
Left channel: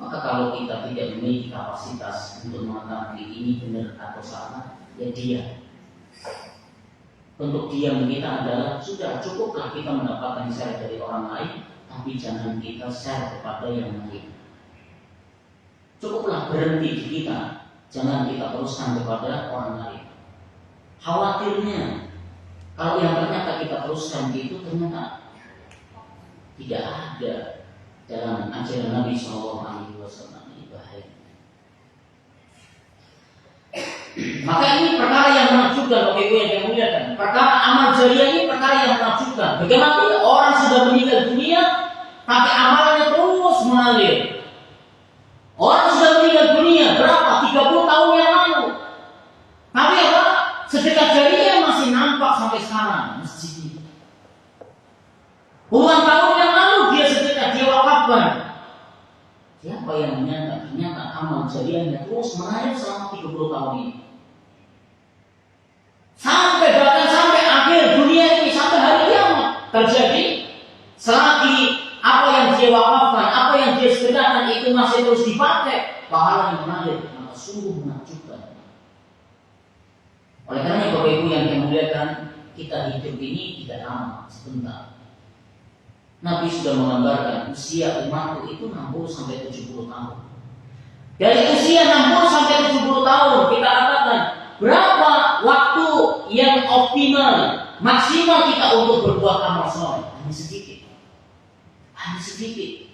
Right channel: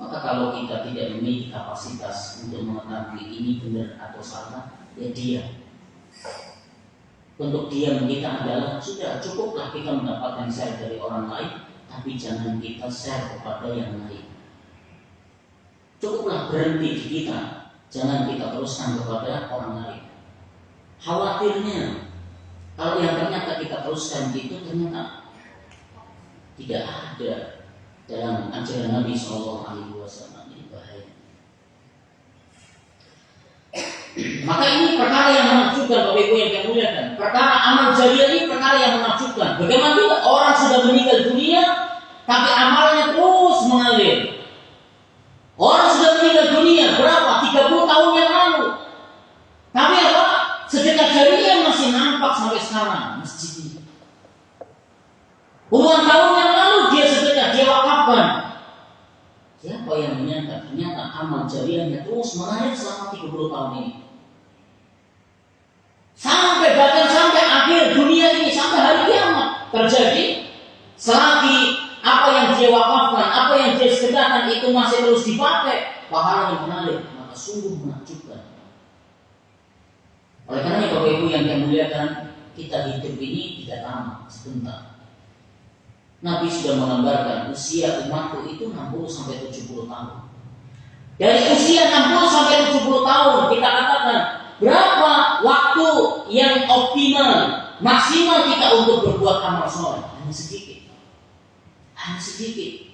maka kalau kita tidak memiliki kapasitas untuk mengetahui ini benar atau salah, ya diam. Untuk diam kita adalah sudah cukuplah kita mendapatkan share dari orang lain, tapi jangan kita share kepada yang lain. Cukuplah berhenti di kita, jangan kita teruskan kepada orang lain. Khawatirnya kalau yang ternyata kita teruskan itu ternyata tidak ada dalam ajaran Nabi SAW, ini bahaya. Maka ini perkara yang menakjubkan, Bapak Ibu yang dimuliakan. Perkara amal jariah ini perkara yang menakjubkan. Bagaimana juga orang sudah meninggal dunia, tapi amalnya terus mengalir. Orang sudah meninggal dunia berapa? 30 tahun yang lalu. Tapi apa? Sedekah jariah masih nampak sampai sekarang masjid ini. Puluhan tahun yang lalu dia sedekah, dia wakafkan. Siapa Apa yang menyangka ternyata amal jariahnya terus mengalir selama 30 tahun ini. Bahkan sampai akhir dunia ini, sampai hari kiamat terjadi. Selagi apa yang dia wakafkan, apa yang dia sedekahkan itu masih terus dipakai, pahalanya mengalir, maka sungguh menakjubkan. Oleh karena Bapak Ibu yang saya muliakan, kita hidup ini tidak lama, sebentar. Nabi sudah menggambarkan usia umatku itu 60 sampai 70 tahun. Dari usia 60 sampai 70 tahun kita katakan berapa waktu yang optimal, maksimal kita untuk berbuat amal soleh? Hanya sedikit. Hanya sedikit.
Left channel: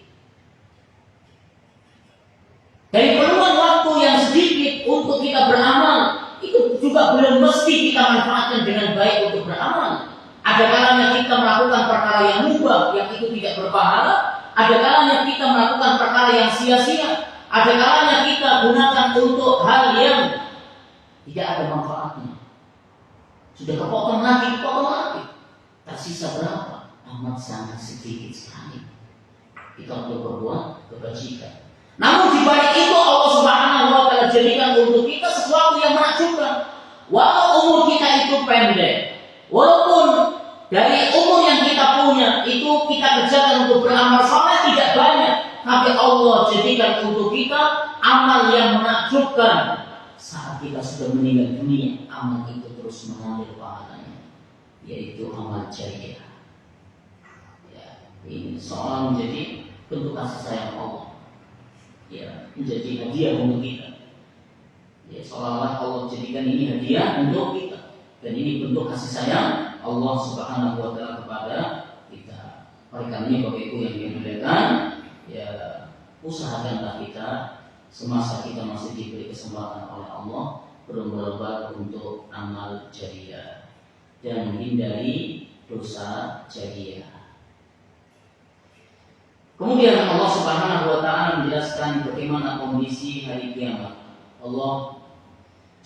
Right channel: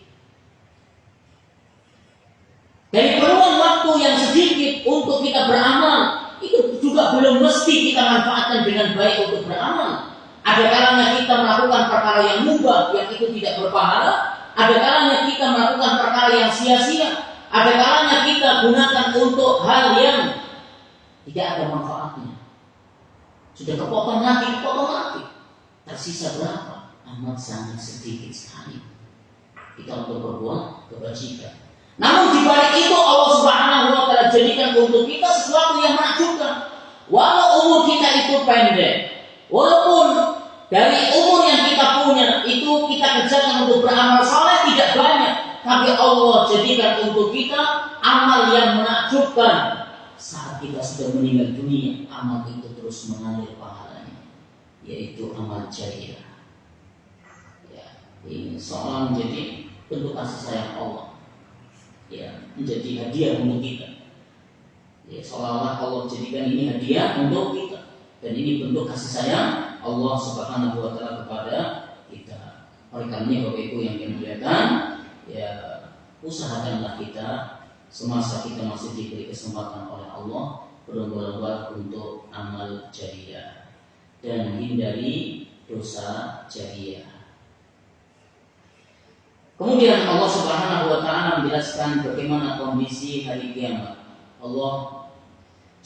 Dari peluang waktu yang sedikit untuk kita beramal, itu juga belum mesti kita manfaatkan dengan baik untuk beramal. Ada kalanya kita melakukan perkara yang mubah, yang itu tidak berpahala. Ada kalanya kita melakukan perkara yang sia-sia. Ada kalanya kita gunakan untuk hal yang tidak ada manfaatnya. Sudah kepotong lagi. Tersisa berapa? Amat sangat sedikit sekali kita untuk berbuat kebajikan. Namun di balik itu Allah Subhanahu wa taala jadikan untuk kita sesuatu yang menakjubkan. Walau umur kita itu pendek, walaupun dari umur yang kita punya itu kita kerjakan untuk beramal saleh tidak banyak, tapi Allah jadikan untuk kita amal yang menakjubkan. Saat kita sudah meninggal dunia, amal itu terus mengalir pahalanya, yaitu amal jariah. Ya, ini seolah menjadi bentuk kasih sayang Allah. Ya, menjadi hadiah untuk kita. Ya, seolah-olah Allah jadikan ini hadiah untuk kita. Dan ini bentuk kasih sayang Allah Subhanahu wa taala kepada kita. Oleh karenanya Bapak Ibu yang dimuliakan, ya usahakanlah kita semasa kita masih diberi kesempatan oleh Allah berlomba-lomba untuk amal jariah dan menghindari dosa jariah. Kemudian Allah Subhanahu wa taala menjelaskan bagaimana kondisi hari kiamat. Allah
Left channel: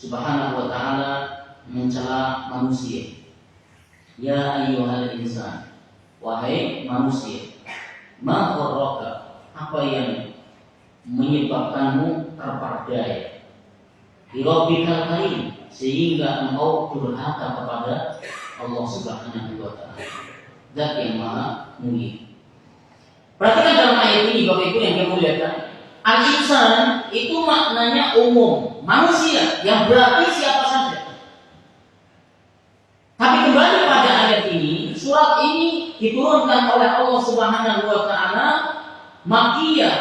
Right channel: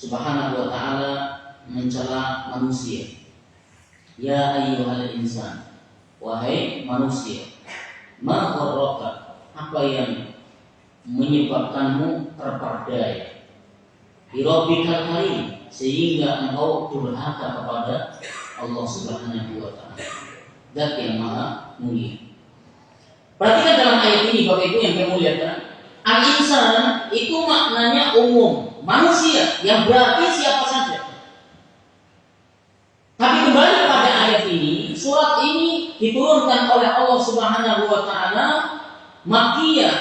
Subhanahu wa taala mencela manusia. Ya ayyuhal insan, wahai manusia, ma gharraka, apa yang menyebabkanmu terperdaya bi rabbikal karim, sehingga engkau durhaka kepada Allah Subhanahu wa taala, Zat yang Maha Mulia. Perhatikan dalam ayat ini Bapak Ibu yang dimuliakan, al-insan itu maknanya umum, manusia, yang berarti siapa saja. Tapi kembali pada ayat ini, surat ini diturunkan oleh Allah Subhanahu wa taala Makkiyah,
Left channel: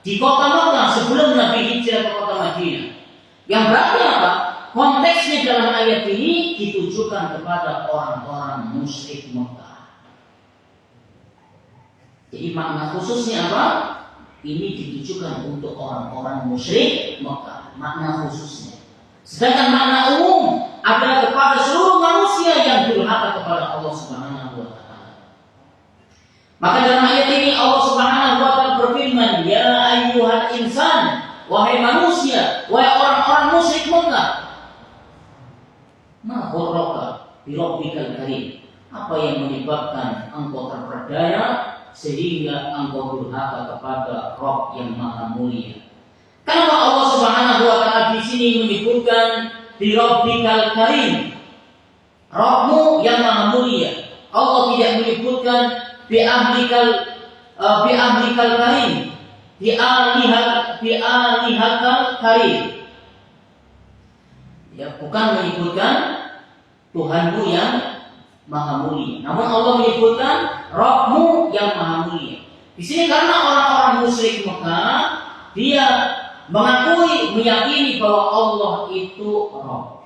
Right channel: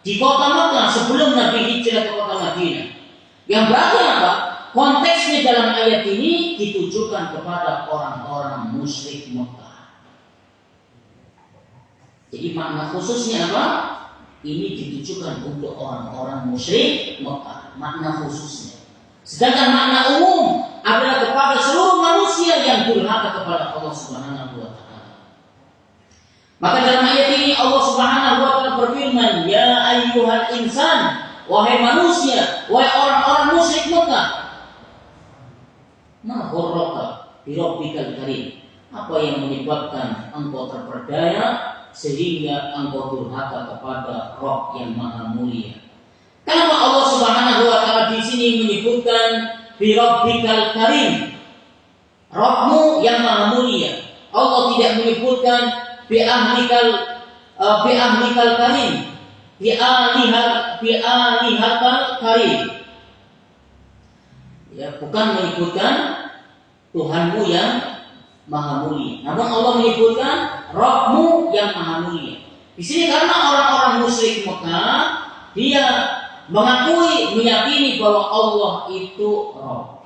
di kota Makkah sebelum Nabi hijrah ke kota Madinah. Yang berarti apa? Konteksnya dalam ayat ini ditujukan kepada orang-orang musyrik Makkah. Jadi makna khususnya apa? Ini ditujukan untuk orang-orang musyrik Mekah. Makna khususnya. Sedangkan makna umum adalah kepada seluruh manusia yang durhaka kepada Allah Subhanahu wa taala. Maka dalam ayat ini Allah Subhanahu wa taala berfirman, "Ya ayyuhal insan, wahai manusia, wahai orang-orang musyrik Mekah, ma gharraka bi rabbikal karim." Apa yang menyebabkan engkau terperdaya sehingga engkau durhaka kepada Rabb yang Maha Mulia? Kenapa Allah Subhanahu wa taala di sini menyebutkan bi rabbikal karim, Rabbmu yang Maha Mulia? Allah tidak menyebutkan bi ahlikal karim, bi alihatal karim. Ya, bukan menyebutkan Tuhanmu yang Maha Mulia. Namun Allah menyebutkan Rabbmu yang Maha Mulia. Di sini karena orang-orang musyrik Mekah, dia mengakui, meyakini bahwa Allah itu Rabb,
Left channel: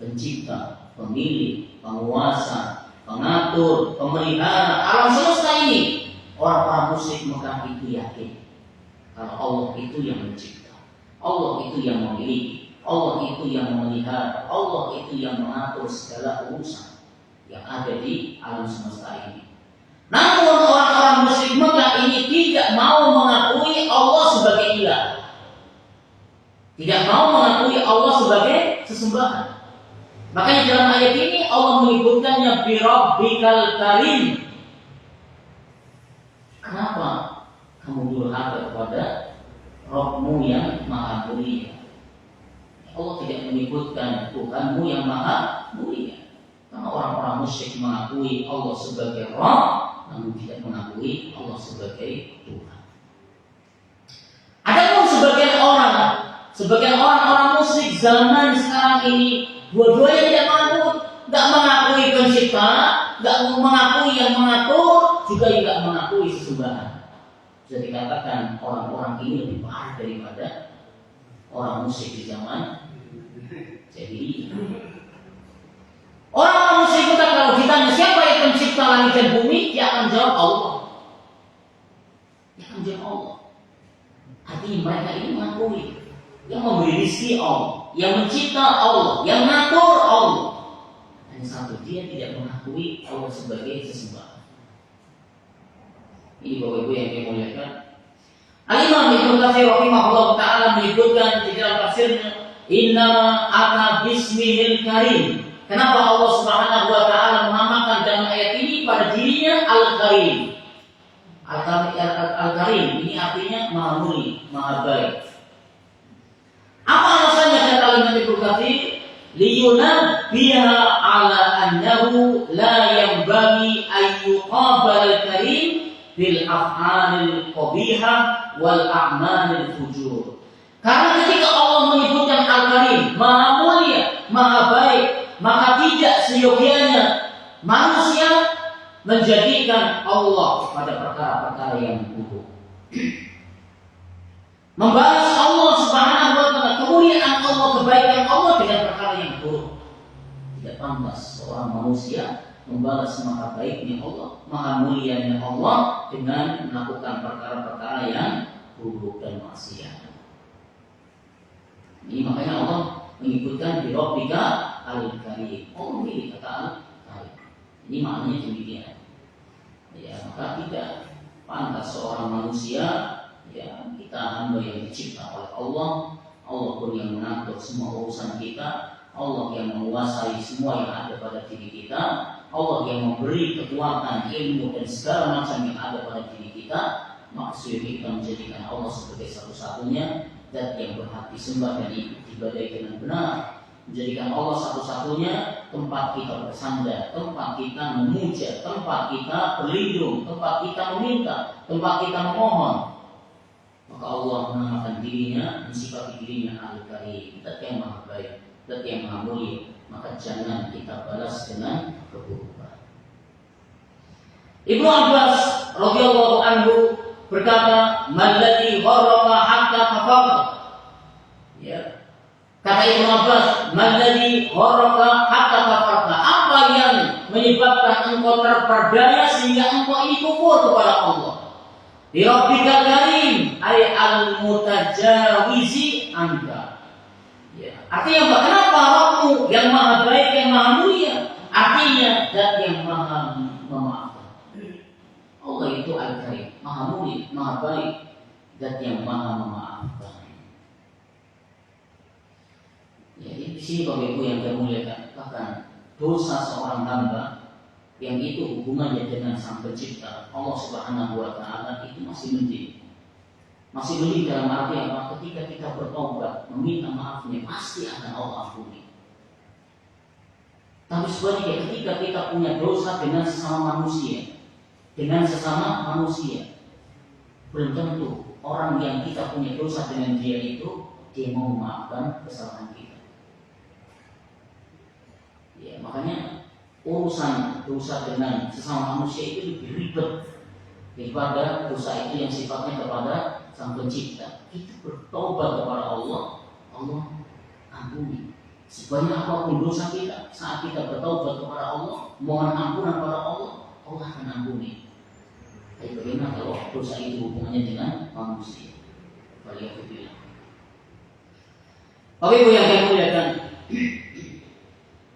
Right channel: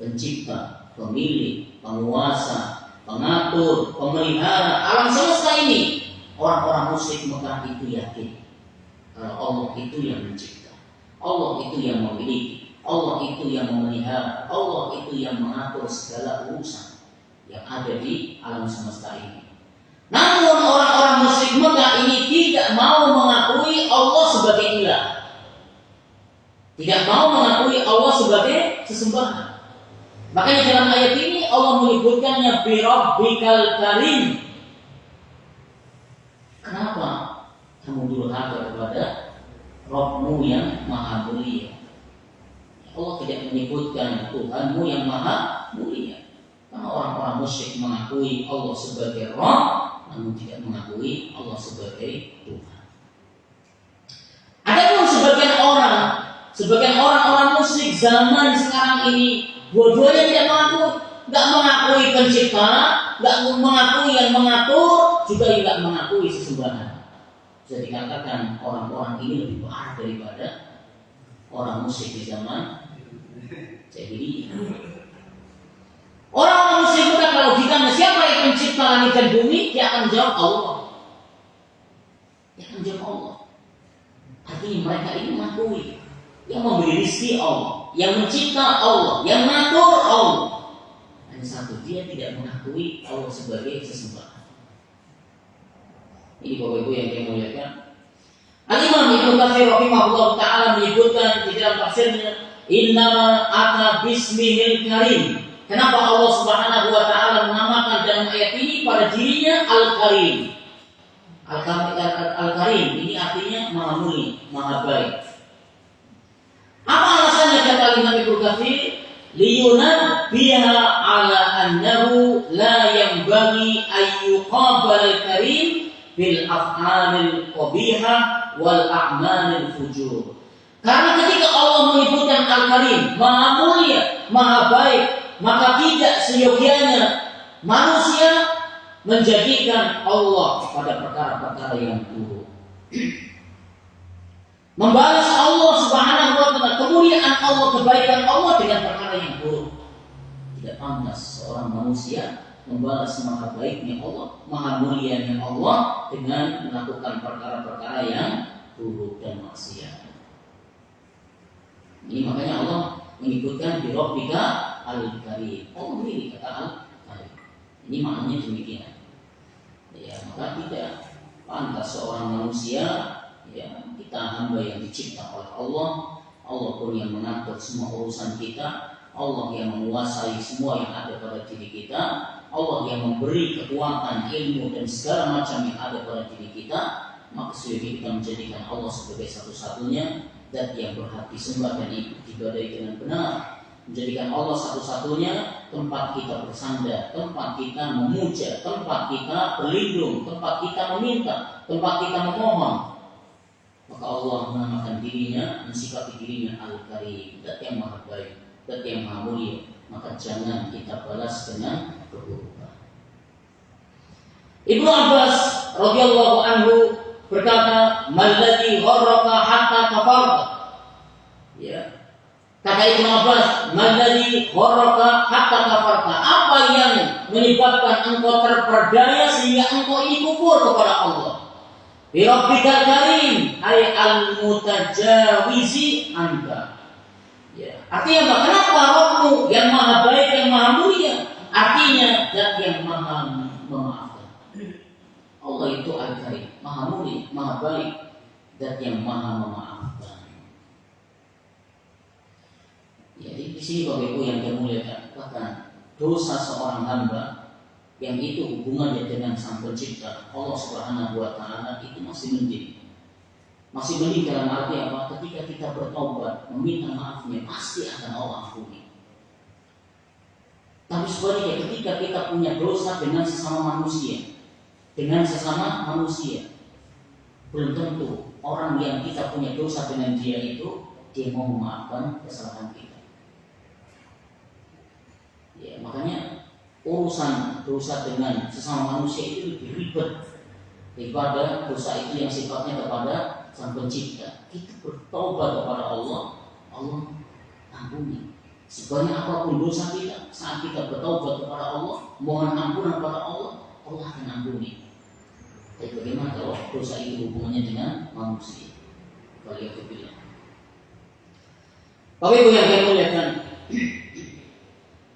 pencipta, pemilik, penguasa, pengatur, pemelihara alam semesta ini. Orang-orang musyrik Mekah itu yakin kalau Allah itu yang mencipta, Allah itu yang memiliki, Allah itu yang memelihara, Allah itu yang mengatur segala urusan yang ada di alam semesta ini. Namun orang-orang musyrik Mekah ini tidak mau mengakui Allah sebagai ilah, tidak mau mengakui Allah sebagai sesembahan. Makanya dalam ayat ini Allah menyebutkannya bi rabbikal karim. Kenapa kamu durhaka kepada Rabbmu yang maha mulia. Allah tidak menyebutkan Tuhanmu yang maha mulia. Karena orang-orang musyrik mengakui Allah sebagai Rabb, namun tidak mengakui Allah sebagai Tuhan. Adapun sebagian orang-orang musyrik zaman sekarang ini, dua-duanya tidak mengakui pencipta, nggak mengakui yang mengatur, juga tidak mengakui sesembahan. Bisa dikatakan orang-orang ini lebih parah daripada orang musyrik di zaman jahiliyah. Orang musyrik kita kalau ditanya siapa yang pencipta langit dan bumi, dia akan jawab Allah. Dia akan jawab Allah. Artinya mereka ini mengakui yang memberi rezeki Allah, yang mencipta Allah, yang mengatur Allah. Hanya satu, dia tidak mengakui Allah sebagai sesembahan. Ini Bapak Ibu yang dimuliakan. Al-Imam Ibnu Katsir rahimahullah taala menyebutkan di dalam tafsirnya, "Inna ata bismihil karim." Kenapa Allah Subhanahu wa taala menamakan dalam ayat ini pada dirinya Al-Karim? Al-Karim ini artinya Maha Mulia, Maha Baik. Apa alasannya kata Imam Ibnu Katsir? Liyunabbiha ala annahu la yanbaghi ayyuqabal al-karim bil af'alil qabihah wal a'malil fujur. Karena ketika Allah menyebutkan Al-Karim, Maha Mulia, Maha Baik, maka tidak seyogianya manusia menjadikan Allah pada perkara-perkara yang buruk. Membalas Allah Subhanahu wa taala, kemuliaan Allah, kebaikan Allah dengan perkara yang buruk. Tidak pantas seorang manusia membalas maha baiknya Allah, maha mulianya Allah dengan melakukan perkara-perkara yang buruk dan maksiat. Ini makanya Allah menyebutkan di Rabbika Al-Karim. Allah memilih kata Al-Karim. Ini maknanya demikian. Ya, maka tidak pantas seorang manusia, ya, kita hamba yang dicipta oleh Allah, Allah pun yang mengatur semua urusan kita, Allah yang menguasai semua yang ada pada diri kita, Allah yang memberi kekuatan, ilmu dan segala macam yang ada pada diri kita. Maka sebaiknya kita menjadikan Allah sebagai satu-satunya zat yang berhak disembah dan diibadahi dengan benar, menjadikan Allah satu-satunya tempat kita bersandar, tempat kita memuja, tempat kita berlindung, tempat kita meminta, tempat kita memohon. Maka Allah menamakan dirinya, mensifati dirinya Al-Karim, zat yang maha baik, zat yang maha mulia. Maka jangan kita balas dengan keburukan. Ibnu Abbas radhiyallahu anhu berkata, "Malladzi gharraka hatta kafarta." Ya. Kata Ibnu Abbas, "Malladzi gharraka hatta kafarta." Apa yang menyebabkan engkau terperdaya sehingga engkau ini kufur kepada Allah? Bi Rabbikal Karim, ay al-mutajawizi anka. Ya. Artinya apa? Kenapa Rabbmu yang maha baik, yang maha mulia? Artinya zat yang maha memaafkan. Allah itu Al-Karim, maha mulia, maha baik, zat yang maha memaafkan. Jadi di sini Bapak Ibu yang dimuliakan, bahkan dosa seorang hamba yang itu hubungannya dengan Sang Pencipta Allah Subhanahu wa taala itu masih mending. Masih mending dalam arti apa? Ketika kita bertobat, meminta maafnya, pasti akan Allah ampuni. Tapi sebaliknya ketika kita punya dosa dengan sesama manusia, belum tentu orang yang kita punya dosa dengan dia itu dia mau memaafkan kesalahan kita. Ya, makanya urusan dosa dengan sesama manusia itu lebih ribet daripada dosa itu yang sifatnya kepada Sang Pencipta. Kita bertobat kepada Allah, Allah ampuni. Sebanyak apapun dosa kita, saat kita bertobat kepada Allah, mohon ampunan kepada Allah, Allah akan ampuni. Tapi bagaimana kalau dosa itu hubungannya dengan manusia? Waliyahzubillah. Bapak Ibu yang saya muliakan,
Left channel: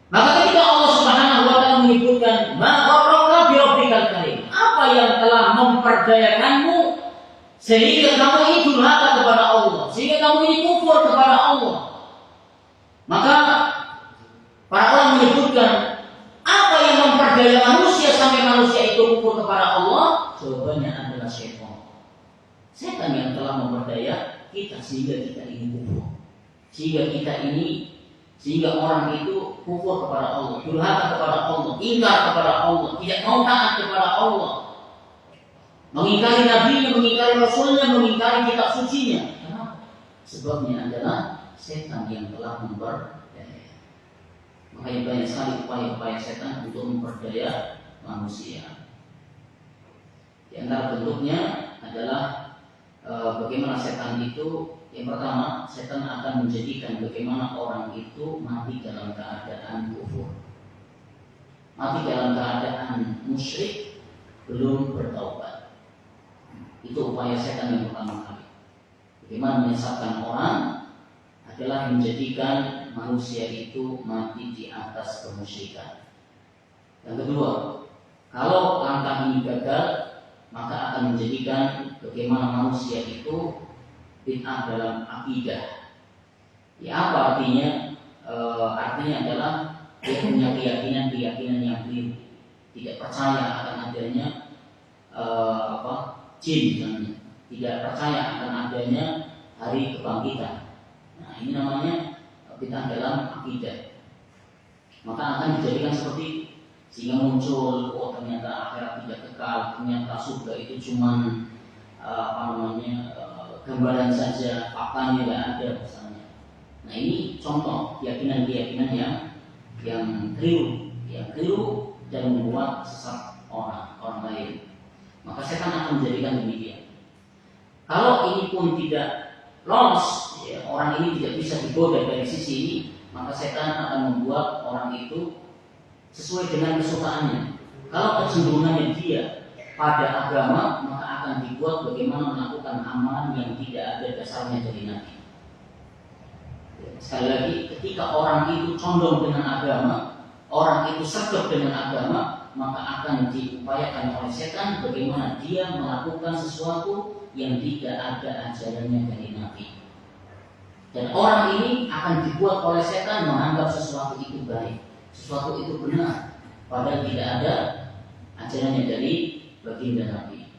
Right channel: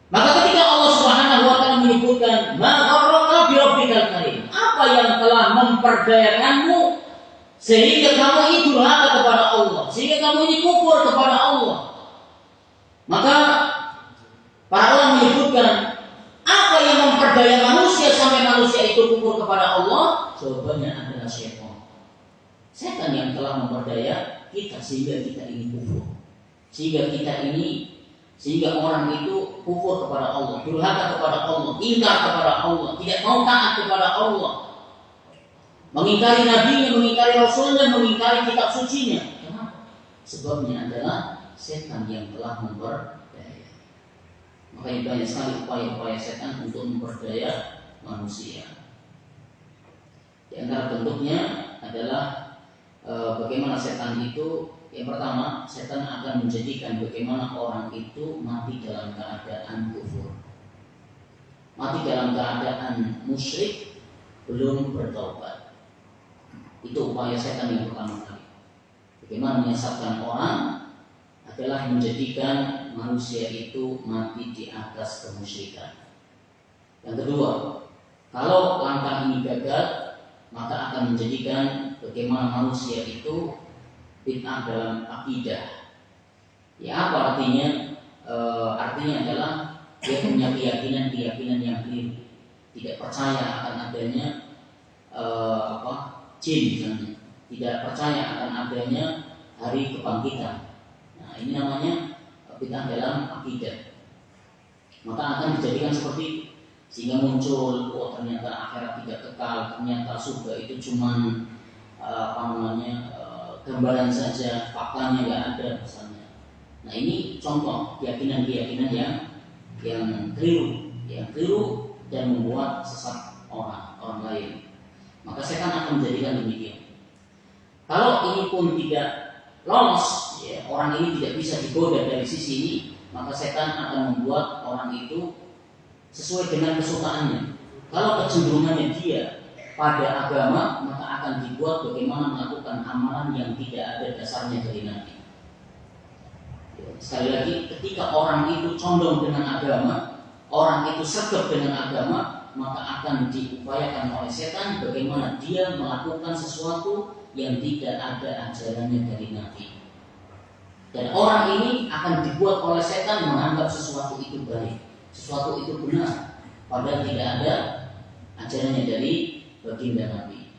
maka ketika Allah Subhanahu wa taala menyebutkan ma gharraka bi rabbikal karim, apa yang telah memperdayakanmu sehingga kamu ini durhaka kepada Allah, sehingga kamu ini kufur kepada Allah. Maka para ulama menyebutkan apa yang memperdaya manusia sampai manusia itu kufur kepada Allah? Jawabannya adalah syaitan. Setan yang telah memperdaya kita sehingga kita ini kufur, sehingga orang itu kufur kepada Allah, durhaka kepada Allah, ingkar kepada Allah, tidak mau taat kepada Allah, mengingkari nabinya, mengingkari rasulnya, mengingkari kitab sucinya. Kenapa? Sebabnya adalah setan yang telah memperdaya. Makanya banyak sekali upaya-upaya setan untuk memperdaya manusia. Di antara bentuknya adalah bagaimana setan itu, yang pertama, setan akan menjadikan bagaimana orang itu mati dalam keadaan kufur, mati dalam keadaan musyrik, belum bertaubat. Itu upaya setan yang pertama kali. Bagaimana menyesatkan orang adalah menjadikan manusia itu mati di atas kemusyrikan. Yang kedua, kalau langkah ini gagal, maka akan menjadikan bagaimana manusia itu bid'ah dalam akidah. Ya, apa artinya? Artinya adalah dia punya keyakinan yang keliru, tidak percaya akan adanya jin misalnya, tidak percaya akan adanya hari kebangkitan. Nah, ini namanya bid'ah dalam akidah. Maka akan dijadikan seperti, sehingga muncul, oh ternyata akhirat tidak kekal, ternyata surga itu cuman gambaran saja, faktanya nggak ada misalnya. Nah, ini contoh keyakinan-keyakinan yang keliru dan membuat sesat orang lain. Maka setan akan menjadikan demikian. Kalau ini pun tidak lolos, ya, orang ini tidak bisa digoda dari sisi ini, maka setan akan membuat orang itu sesuai dengan kesukaannya. Kalau kecenderungannya dia pada agama, maka akan dibuat bagaimana melakukan amalan yang tidak ada dasarnya dari Nabi. Sekali lagi, ketika orang itu condong dengan agama, orang itu sergap dengan agama, maka akan diupayakan oleh setan bagaimana dia melakukan sesuatu yang tidak ada ajarannya dari Nabi. Dan orang ini akan dibuat oleh setan menganggap sesuatu itu baik, sesuatu itu benar, padahal tidak ada ajarannya dari baginda Nabi.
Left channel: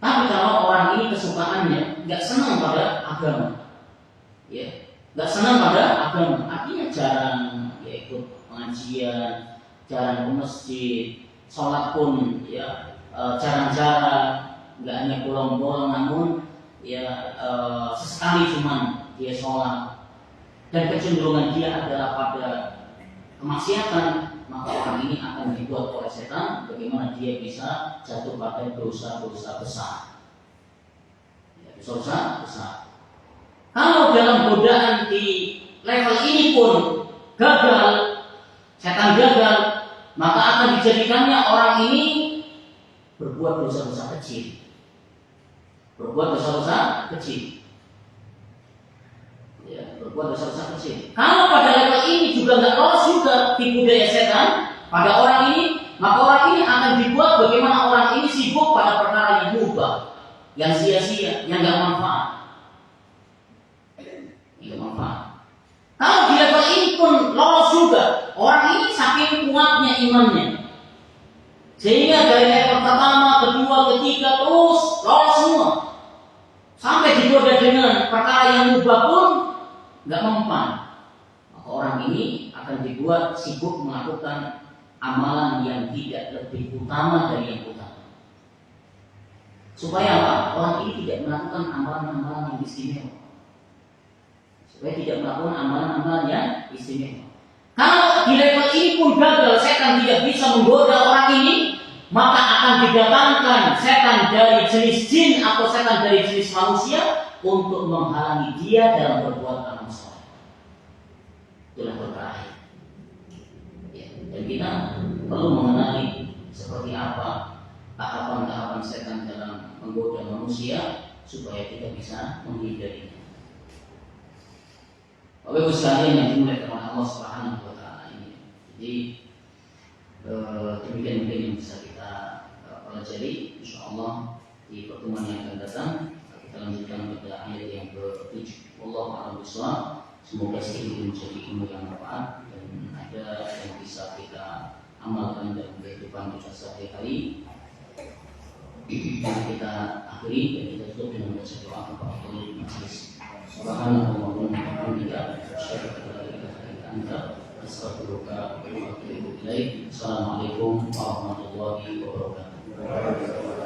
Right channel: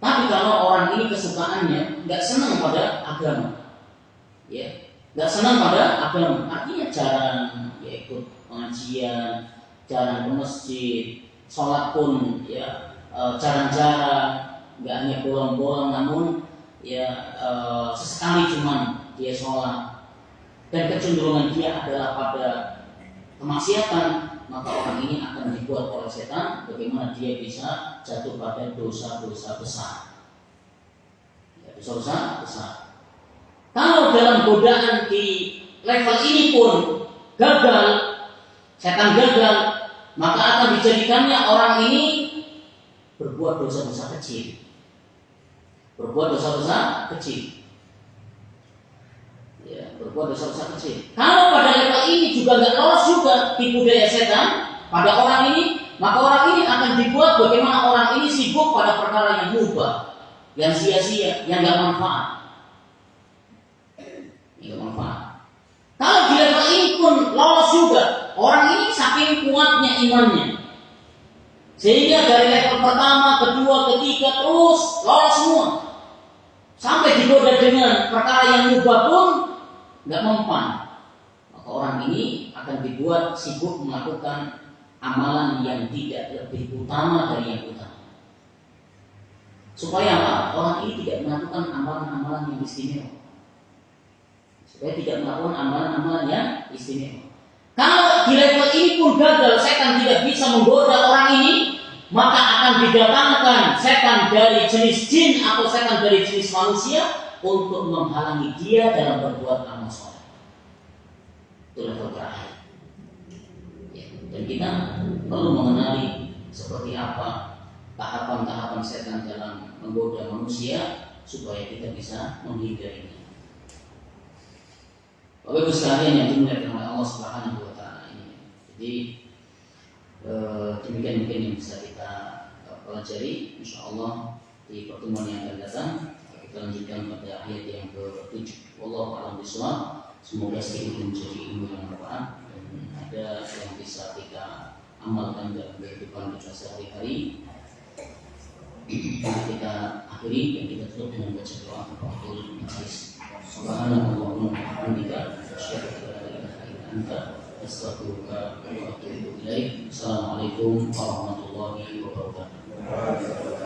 Tapi kalau orang ini kesukaannya nggak senang pada agama, ya, nggak senang pada agama, artinya jarang ya ikut pengajian, jarang ke masjid, sholat pun ya jarang-jarang, nggak hanya bolong-bolong, namun ya sesekali cuman dia sholat, dan kecenderungan dia adalah pada kemaksiatan, maka orang ini akan dibuat oleh setan bagaimana dia bisa jatuh pada dosa-dosa besar. Ya, dosa-dosa besar. Kalau dalam godaan di level ini pun gagal, setan gagal, maka akan dijadikannya orang ini berbuat dosa-dosa kecil. Berbuat dosa-dosa kecil. Ya, berbuat dosa-dosa kecil. Kalau pada level ini juga nggak lolos juga tipu daya setan pada orang ini, maka orang ini akan dibuat bagaimana orang ini sibuk pada perkara yang mubah, yang sia-sia, yang nggak manfaat. Nggak manfaat. Kalau di level ini pun lolos juga, orang ini saking kuatnya imannya, sehingga dari level pertama, kedua, ketiga terus lolos semua, sampai digoda dengan perkara yang mubah pun nggak mempan. Maka orang ini akan dibuat sibuk melakukan amalan yang tidak lebih utama dari yang utama. Supaya apa? Orang ini tidak melakukan amalan-amalan yang istimewa. Supaya tidak melakukan amalan-amalan yang istimewa. Kalau di level ini pun gagal, setan tidak bisa menggoda orang ini, maka akan didatangkan setan dari jenis jin atau setan dari jenis manusia untuk menghalangi dia dalam berbuat amal soleh. Itu level terakhir. Ya, dan kita perlu mengenali seperti apa tahapan-tahapan setan dalam menggoda manusia supaya kita bisa menghindarinya. Bapak Ibu sekalian yang dimuliakan oleh Allah Subhanahu wa taala ini. Jadi demikian mungkin yang bisa kita pelajari, insyaallah di pertemuan yang akan datang kita lanjutkan pada ayat yang ke-7. Wallahu a'lam bishawab. Semoga sedikit menjadi ilmu yang bermanfaat dan ada yang bisa kita amalkan dalam kehidupan kita sehari-hari. kita akhiri dan kita tutup dengan baca doa kafaratul majlis. Subhanallah wa bihamdika asyhadu an la ilaha illa anta astaghfiruka wa atubu ilaik. Assalamualaikum warahmatullahi wabarakatuh.